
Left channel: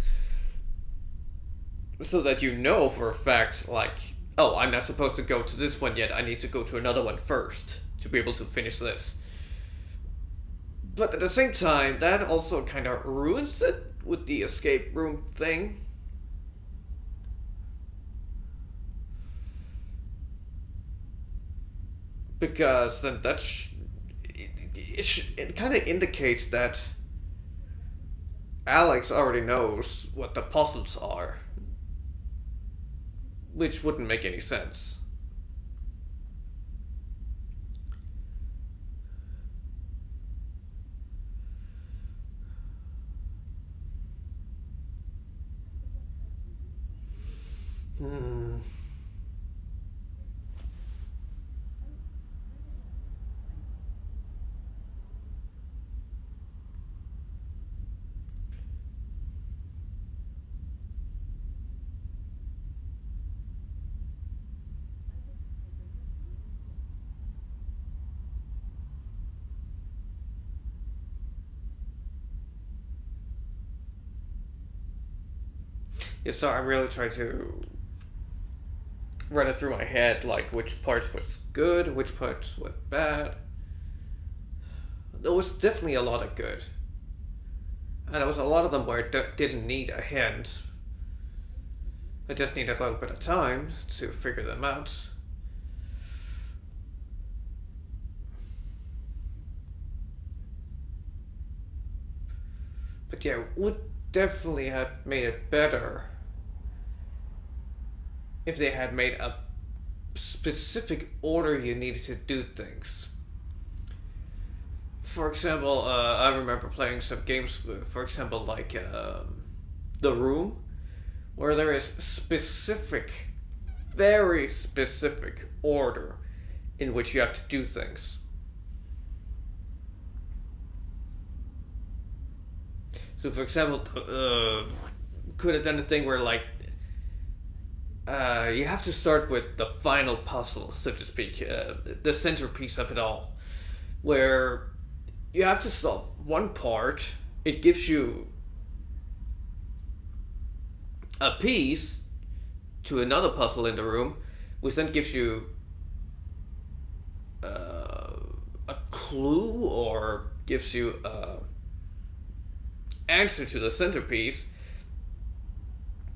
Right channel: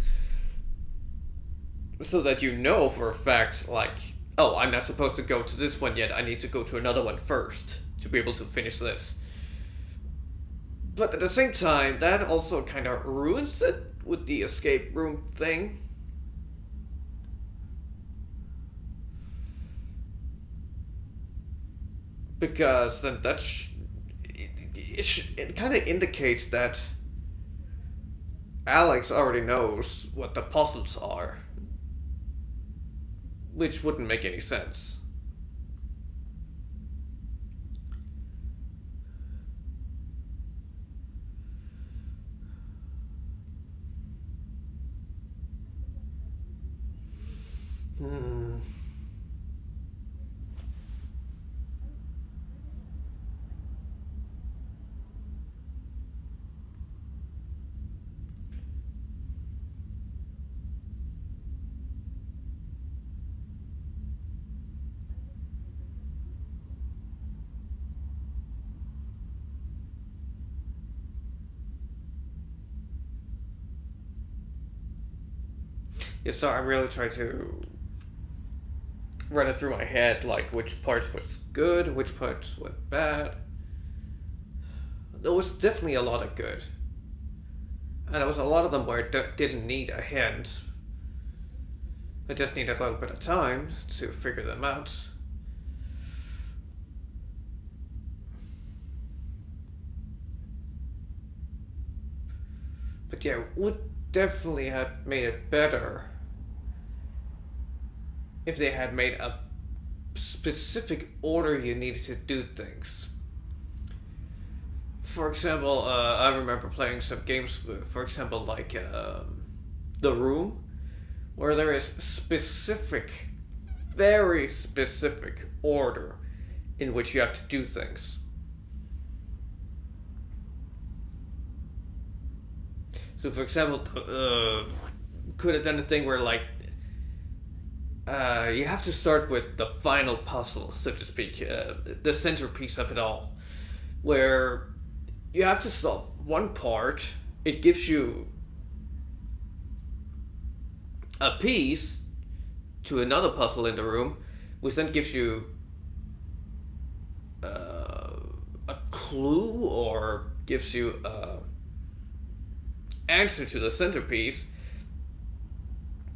so that you know for a fact, like, oh, I'm not supposed to go to this one yet. I need to go to another one first to be able to finish this. But at the same time, that also kind of ruins it with the escape room thing. Because then it kind of indicates that Alex already knows what the puzzles are, which wouldn't make any sense. Hmm. Yeah, so I'm really trying to run it through my head, like which parts was good, which parts were bad. There was definitely a lot of good, and there was a lot of them where I didn't need a hint. I just needed a little bit of time to figure them out. But yeah, would definitely have made it better if they had made a specific order you needed to do things. For example, I remember playing some games, for example, like The Room, where there is specific, very specific order in which you have to do things. So, for example, could have done a thing where, like, you have to start with the final puzzle, so to speak, the centerpiece of it all, where you have to solve one part. It gives you a piece to another puzzle in the room, which then gives you a clue or gives you a answer to the centerpiece.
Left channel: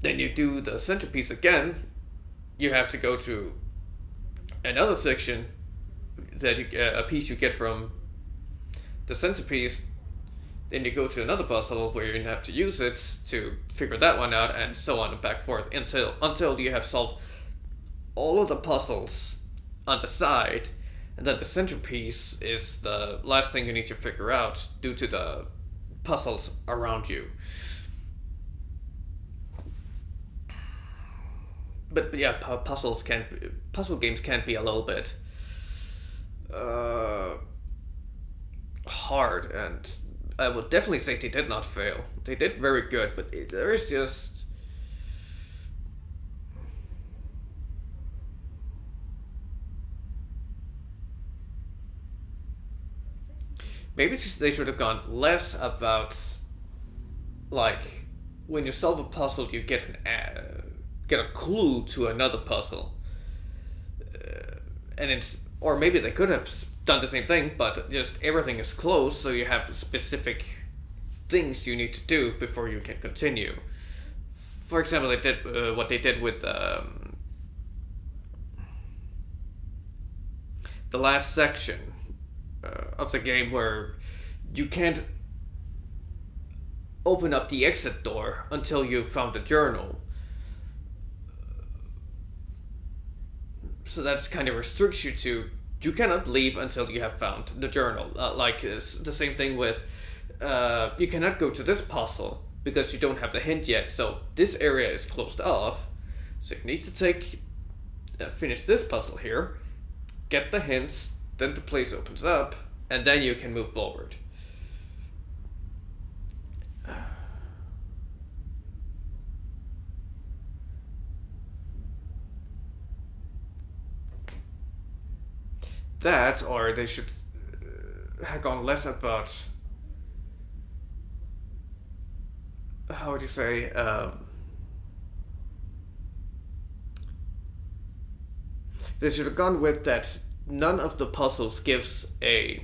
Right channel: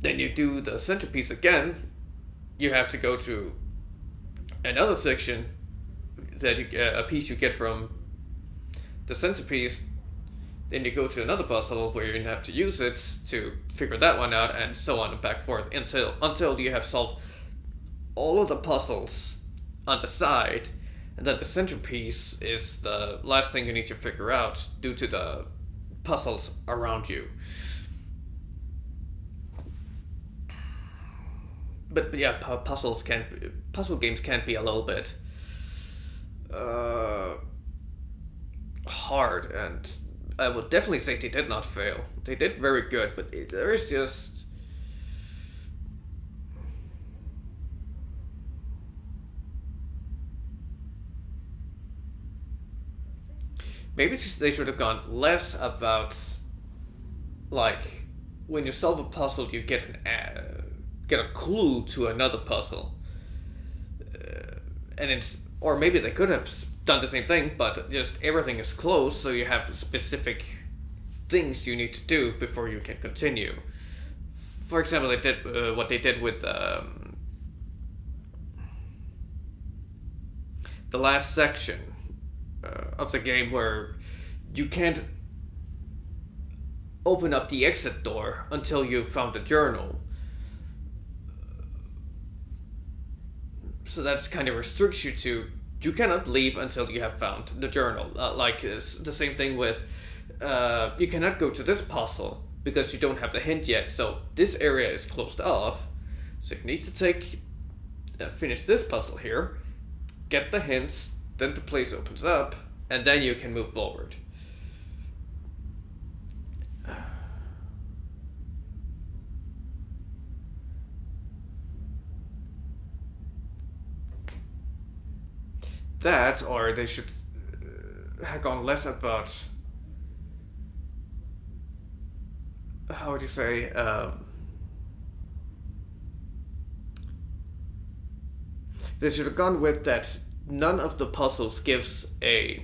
Then you do the centerpiece again. You have to go to another section that a piece you get from the centerpiece. Then you go to another puzzle where you have to use it to figure that one out, and so on and back forth until you have solved all of the puzzles on the side, and then the centerpiece is the last thing you need to figure out due to the puzzles around you. But yeah, puzzle games can be a little bit uh, hard, and I would definitely say they did not fail. They did very good, but there is just maybe they should have gone less about, like, when you solve a puzzle, you get a clue to another puzzle, and it's or maybe they could have done the same thing, but just everything is closed, so you have specific things you need to do before you can continue. For example, they did what they did with the last section of the game, where you can't open up the exit door until you've found the journal. So that kind of restricts you to you cannot leave until you have found the journal. Like it's the same thing with you cannot go to this puzzle because you don't have the hint yet. So this area is closed off. So you need to finish this puzzle here, get the hints, then the place opens up, and then you can move forward. that, or they should have gone less about, how would you say, they should have gone with that none of the puzzles gives a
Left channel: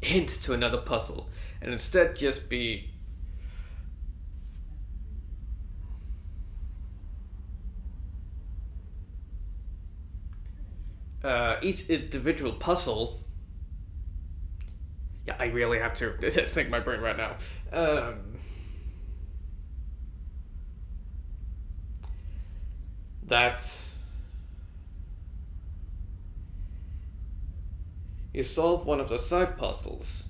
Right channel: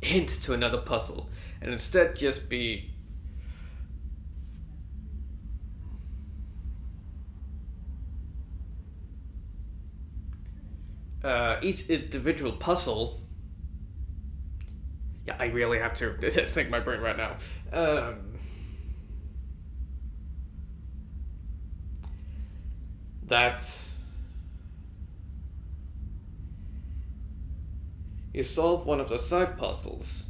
hint to another puzzle, and instead just be each individual puzzle. Yeah, I really have to think my brain right now. That you solve one of the side puzzles,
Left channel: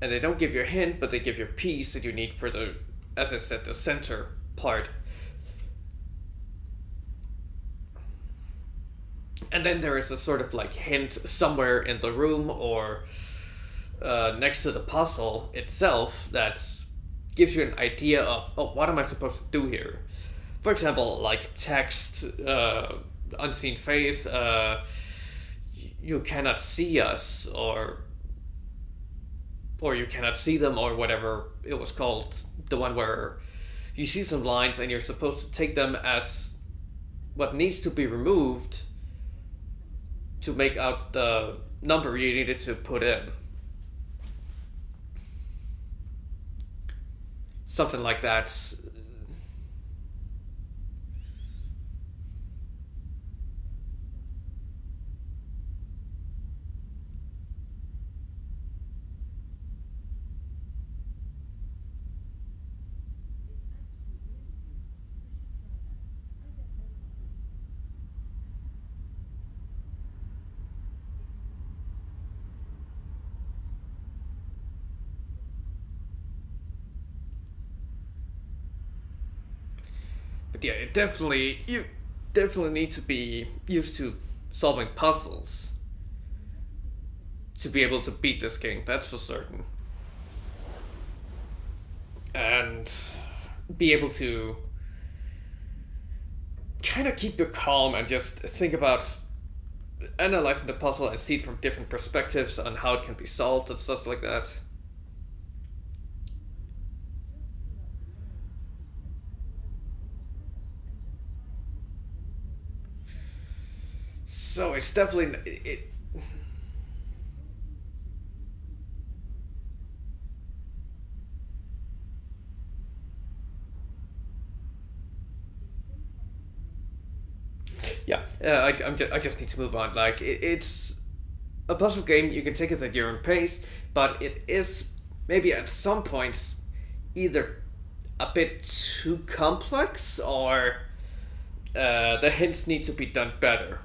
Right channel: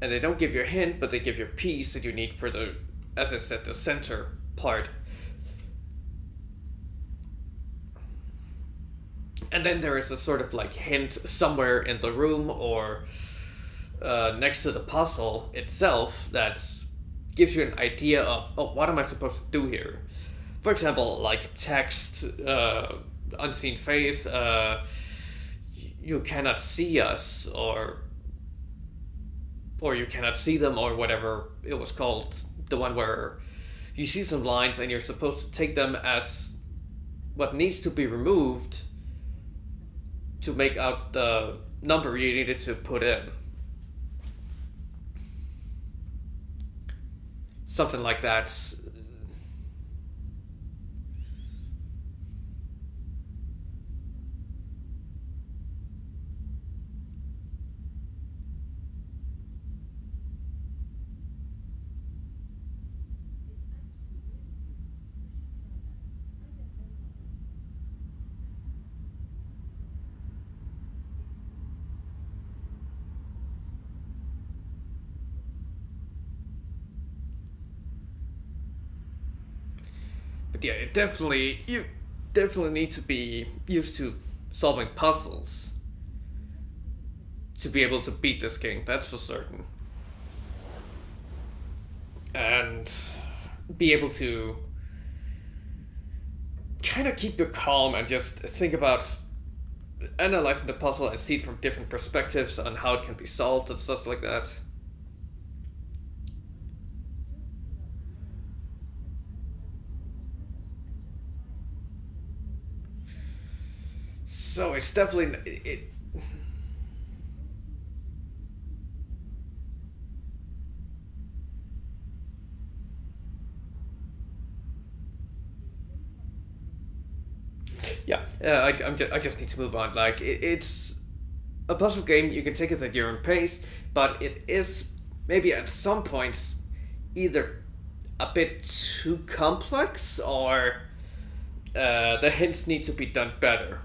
and they don't give you a hint, but they give you a piece that you need for the, as I said, the center part. And then there is a sort of like hint somewhere in the room or next to the puzzle itself that gives you an idea of, oh, what am I supposed to do here? For example, like text, unseen face, you cannot see us, or you cannot see them, or whatever it was called. The one where you see some lines and you're supposed to take them as what needs to be removed to make out the number you needed to put in. Something like that. But yeah, you definitely need to be used to solving puzzles to be able to beat this game, that's for certain. And be able to kind of keep your calm and just think about analyzing the puzzle and see it from different perspectives on how it can be solved and stuff like that. So it's definitely yeah. I just need to move on. Like it's a puzzle game. You can take it at your own pace, but it is maybe at some points either a bit too complex or the hints need to be done better.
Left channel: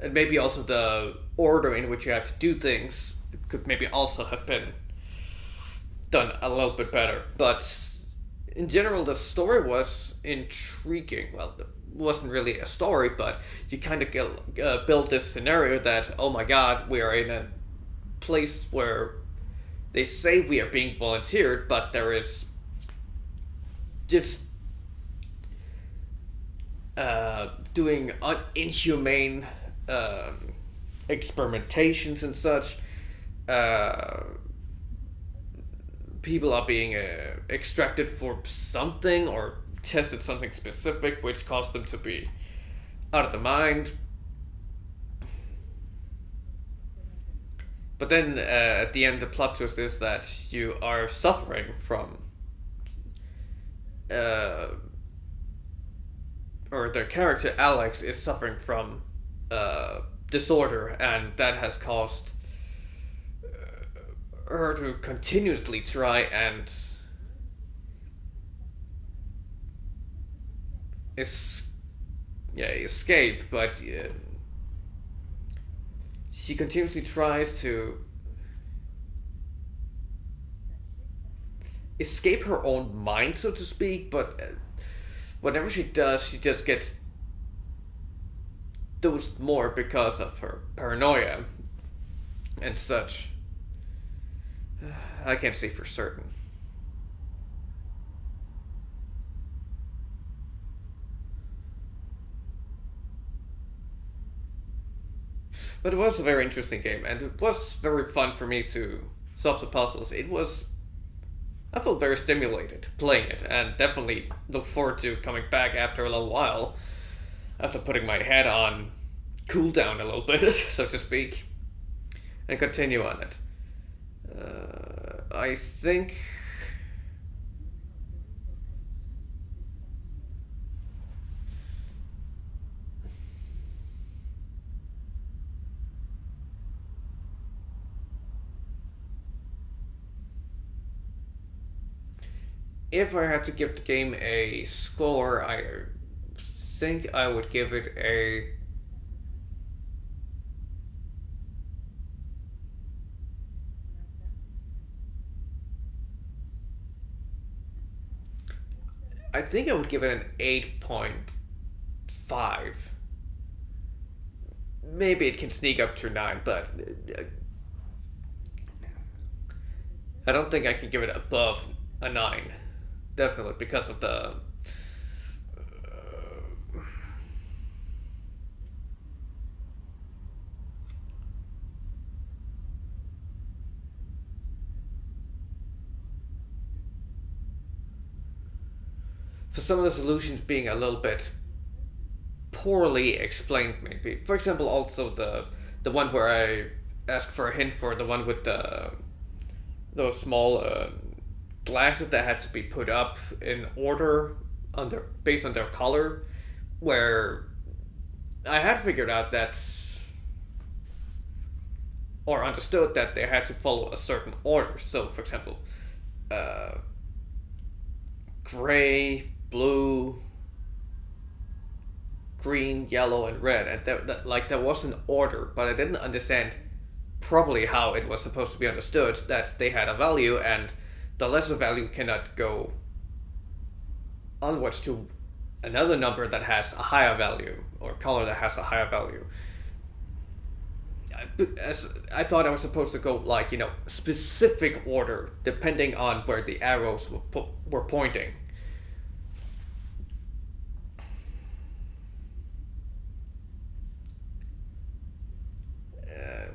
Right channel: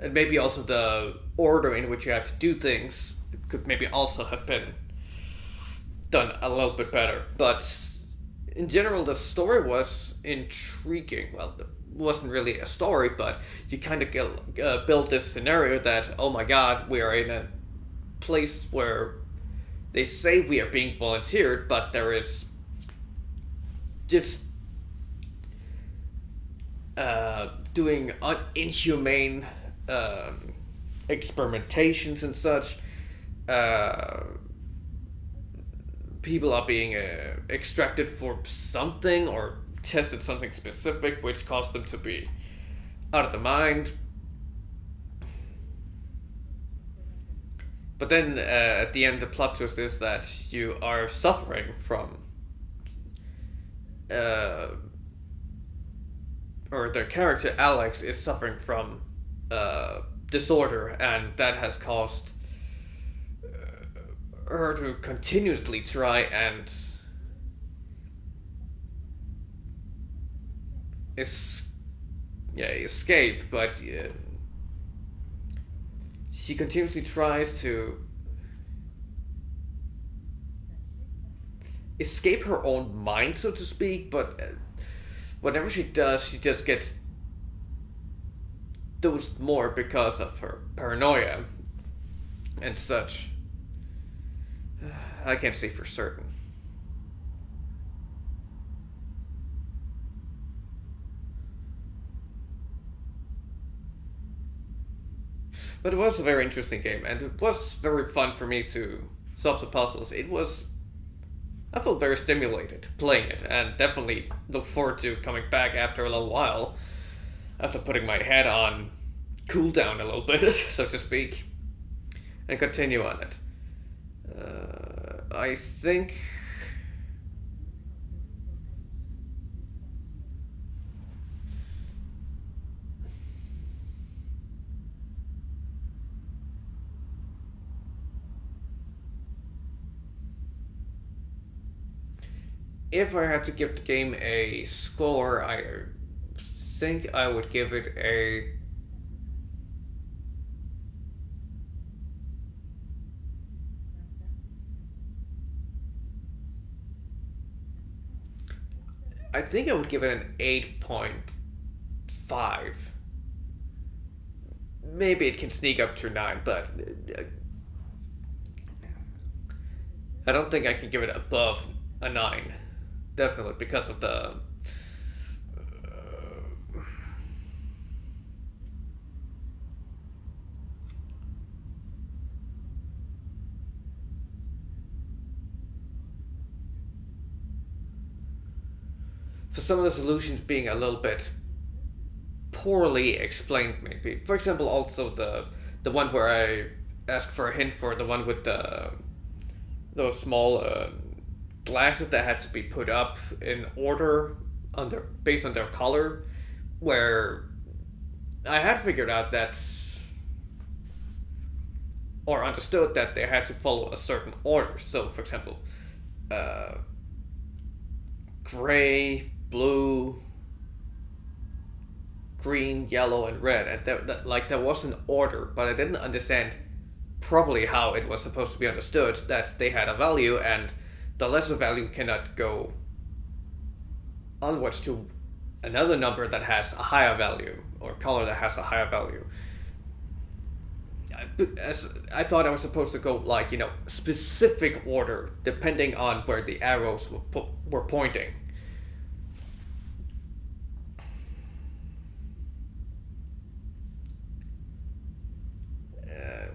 And maybe also the order in which you have to do things could maybe also have been done a little bit better. But in general, the story was intriguing. Well, it wasn't really a story, but you kind of build this scenario that, oh my god, we are in a place where they say we are being volunteered, but there is just doing inhumane experimentations and such. People are being extracted for something or tested something specific, which caused them to be out of the mind. But then at the end, the plot twist is that you are suffering from, or the character Alex is suffering from disorder, and that has caused her to continuously try and escape, but she continuously tries to escape her own mind, so to speak, but whenever she does, she just gets dosed more because of her paranoia and such. I can't say for certain. But it was a very interesting game, and it was very fun for me to solve the puzzles. I felt very stimulated playing it, and definitely look forward to coming back after a little while, after putting my head on cooldown a little bit, so to speak, and continue on it. I think if I had to give the game a score, I think I would give it a I think I would give it an 8.5. Maybe it can sneak up to 9, but I don't think I can give it above a 9. Definitely because of the for some of the solutions being a little bit poorly explained, maybe. For example, also the one where I asked for a hint for the one with those small glasses that had to be put up in order based on their color, where I had figured out that or understood that they had to follow a certain order. So, for example, gray, blue, green, yellow, and red, and there was an order, but I didn't understand properly how it was supposed to be understood that they had a value, and the lesser value cannot go onwards to another number that has a higher value, or color that has a higher value. As I thought I was supposed to go specific order depending on where the arrows were pointing.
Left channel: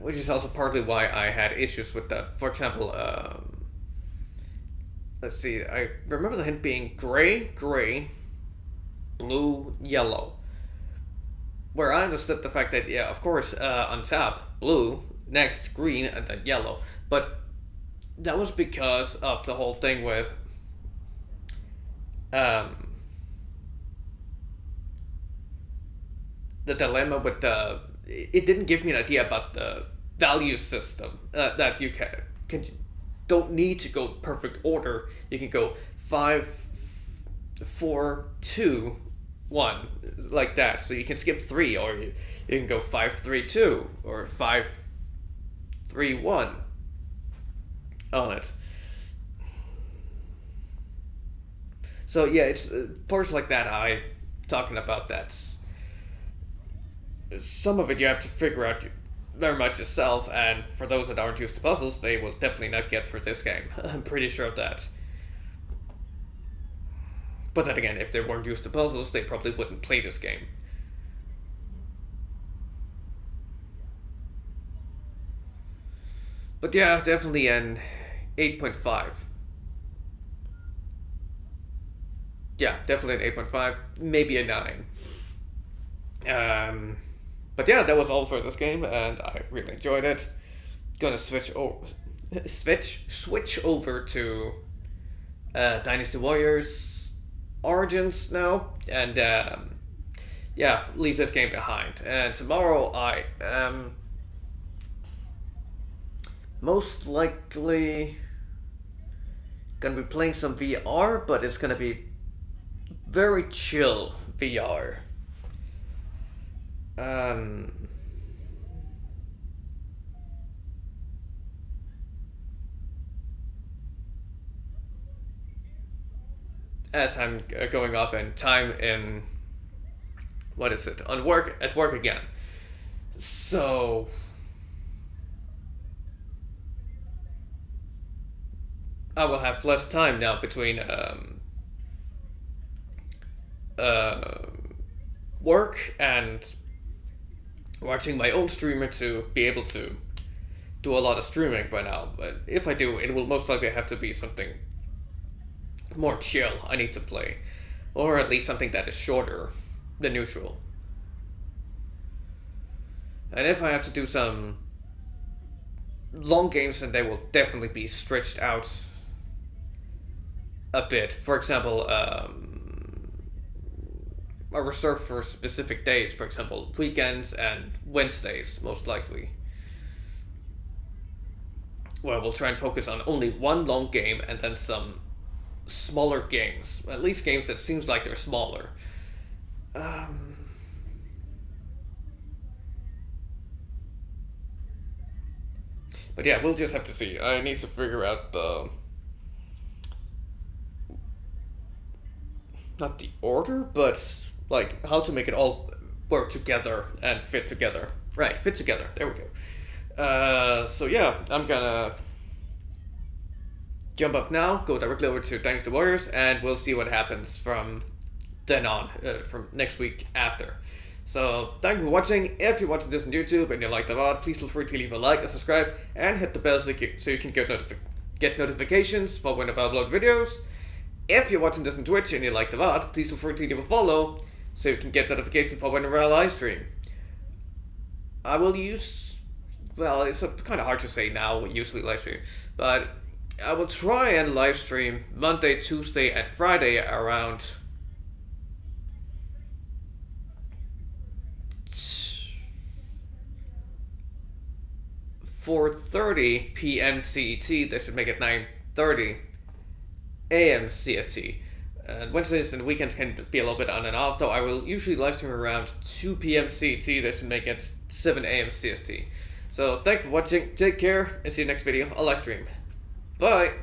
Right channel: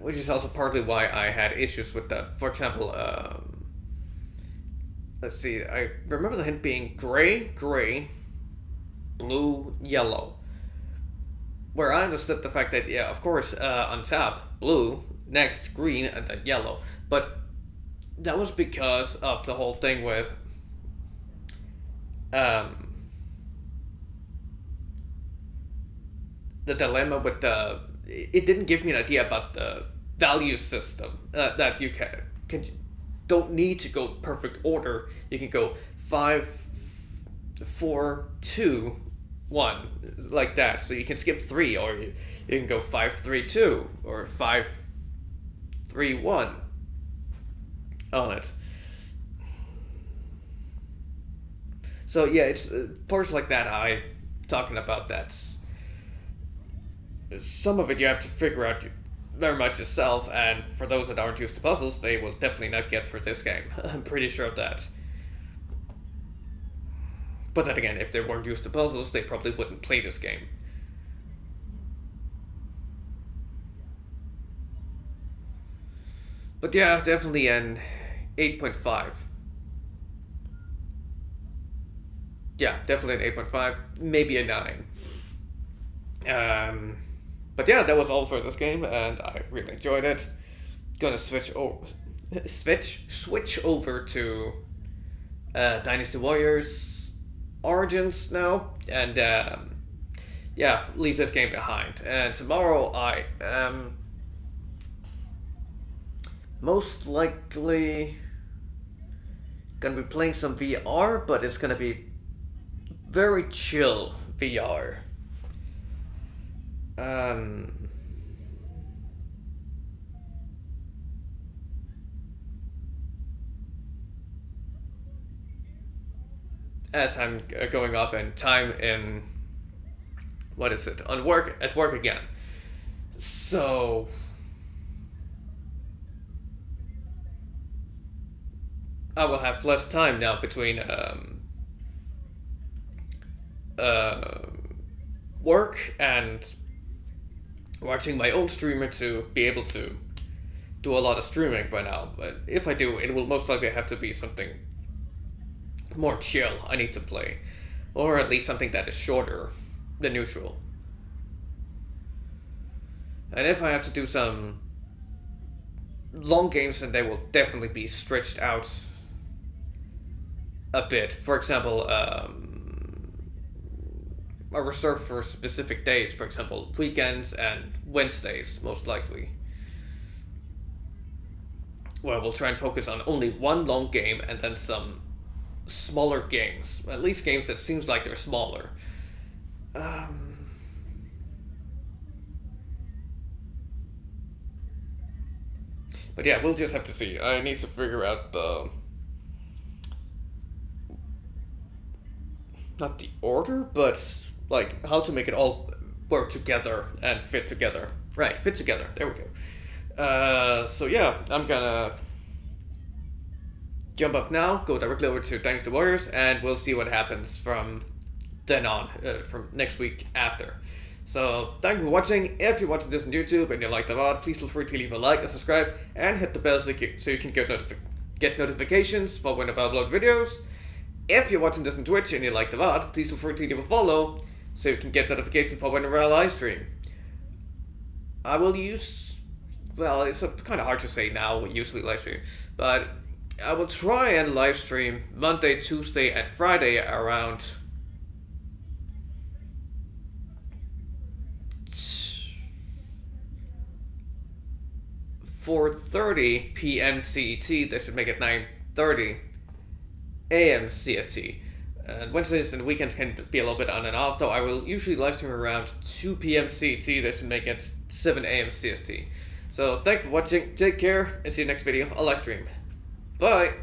Which is also partly why I had issues with that. For example, let's see, I remember the hint being gray, blue, yellow. Where I understood the fact that, yeah, of course, on top, blue, next, green, and then yellow. But that was because of the whole thing with the dilemma with it didn't give me an idea about the value system that you don't need to go perfect order. You can go 5, 4, 2, 1 like that. So you can skip 3, or you can go 5, 3, 2, or 5, 3, 1 on it. So yeah, it's parts like that I'm talking about. That's some of it you have to figure out very much yourself, and for those that aren't used to puzzles, they will definitely not get through this game. I'm pretty sure of that. But then again, if they weren't used to puzzles, they probably wouldn't play this game. But yeah, definitely an 8.5. Yeah, definitely an 8.5, maybe a 9. But yeah, that was all for this game, and I really enjoyed it. Gonna switch over to Dynasty Warriors Origins now, and yeah, leave this game behind. And tomorrow I am most likely gonna be playing some VR, but it's gonna be very chill VR. As I'm going up in time in at work again. So I will have less time now between work and watching my own streamer to be able to do a lot of streaming by now. But if I do, it will most likely have to be something more chill I need to play. Or at least something that is shorter than usual. And if I have to do some long games, then they will definitely be stretched out a bit. For example, are reserved for specific days, for example, weekends and Wednesdays, most likely. Well, we'll try and focus on only one long game and then some smaller games. At least games that seems like they're smaller. But yeah, we'll just have to see. I need to figure out not the order, but like how to make it all work together and fit together. Right, fit together. There we go. So yeah, I'm gonna jump up now, go directly over to Dynasty Warriors, and we'll see what happens from then on, from next week after. So thank you for watching. If you're watching this on YouTube and you like the VOD, please feel free to leave a like and subscribe, and hit the bell so you can get notifications for whenever I upload videos. If you're watching this on Twitch and you like the VOD, please feel free to leave a follow so you can get notifications for whenever I live stream. I will use, well, it's kind of hard to say now, usually live stream, but I will try and live stream Monday, Tuesday, and Friday around 4:30 p.m. CET. That should make it 9:30 a.m. CST. And Wednesdays and weekends can be a little bit on and off, though I will usually live stream around 2 p.m. CET. That should make it 7 a.m. CST. So thank you for watching, take care, and see you next video. I'll live stream. Bye!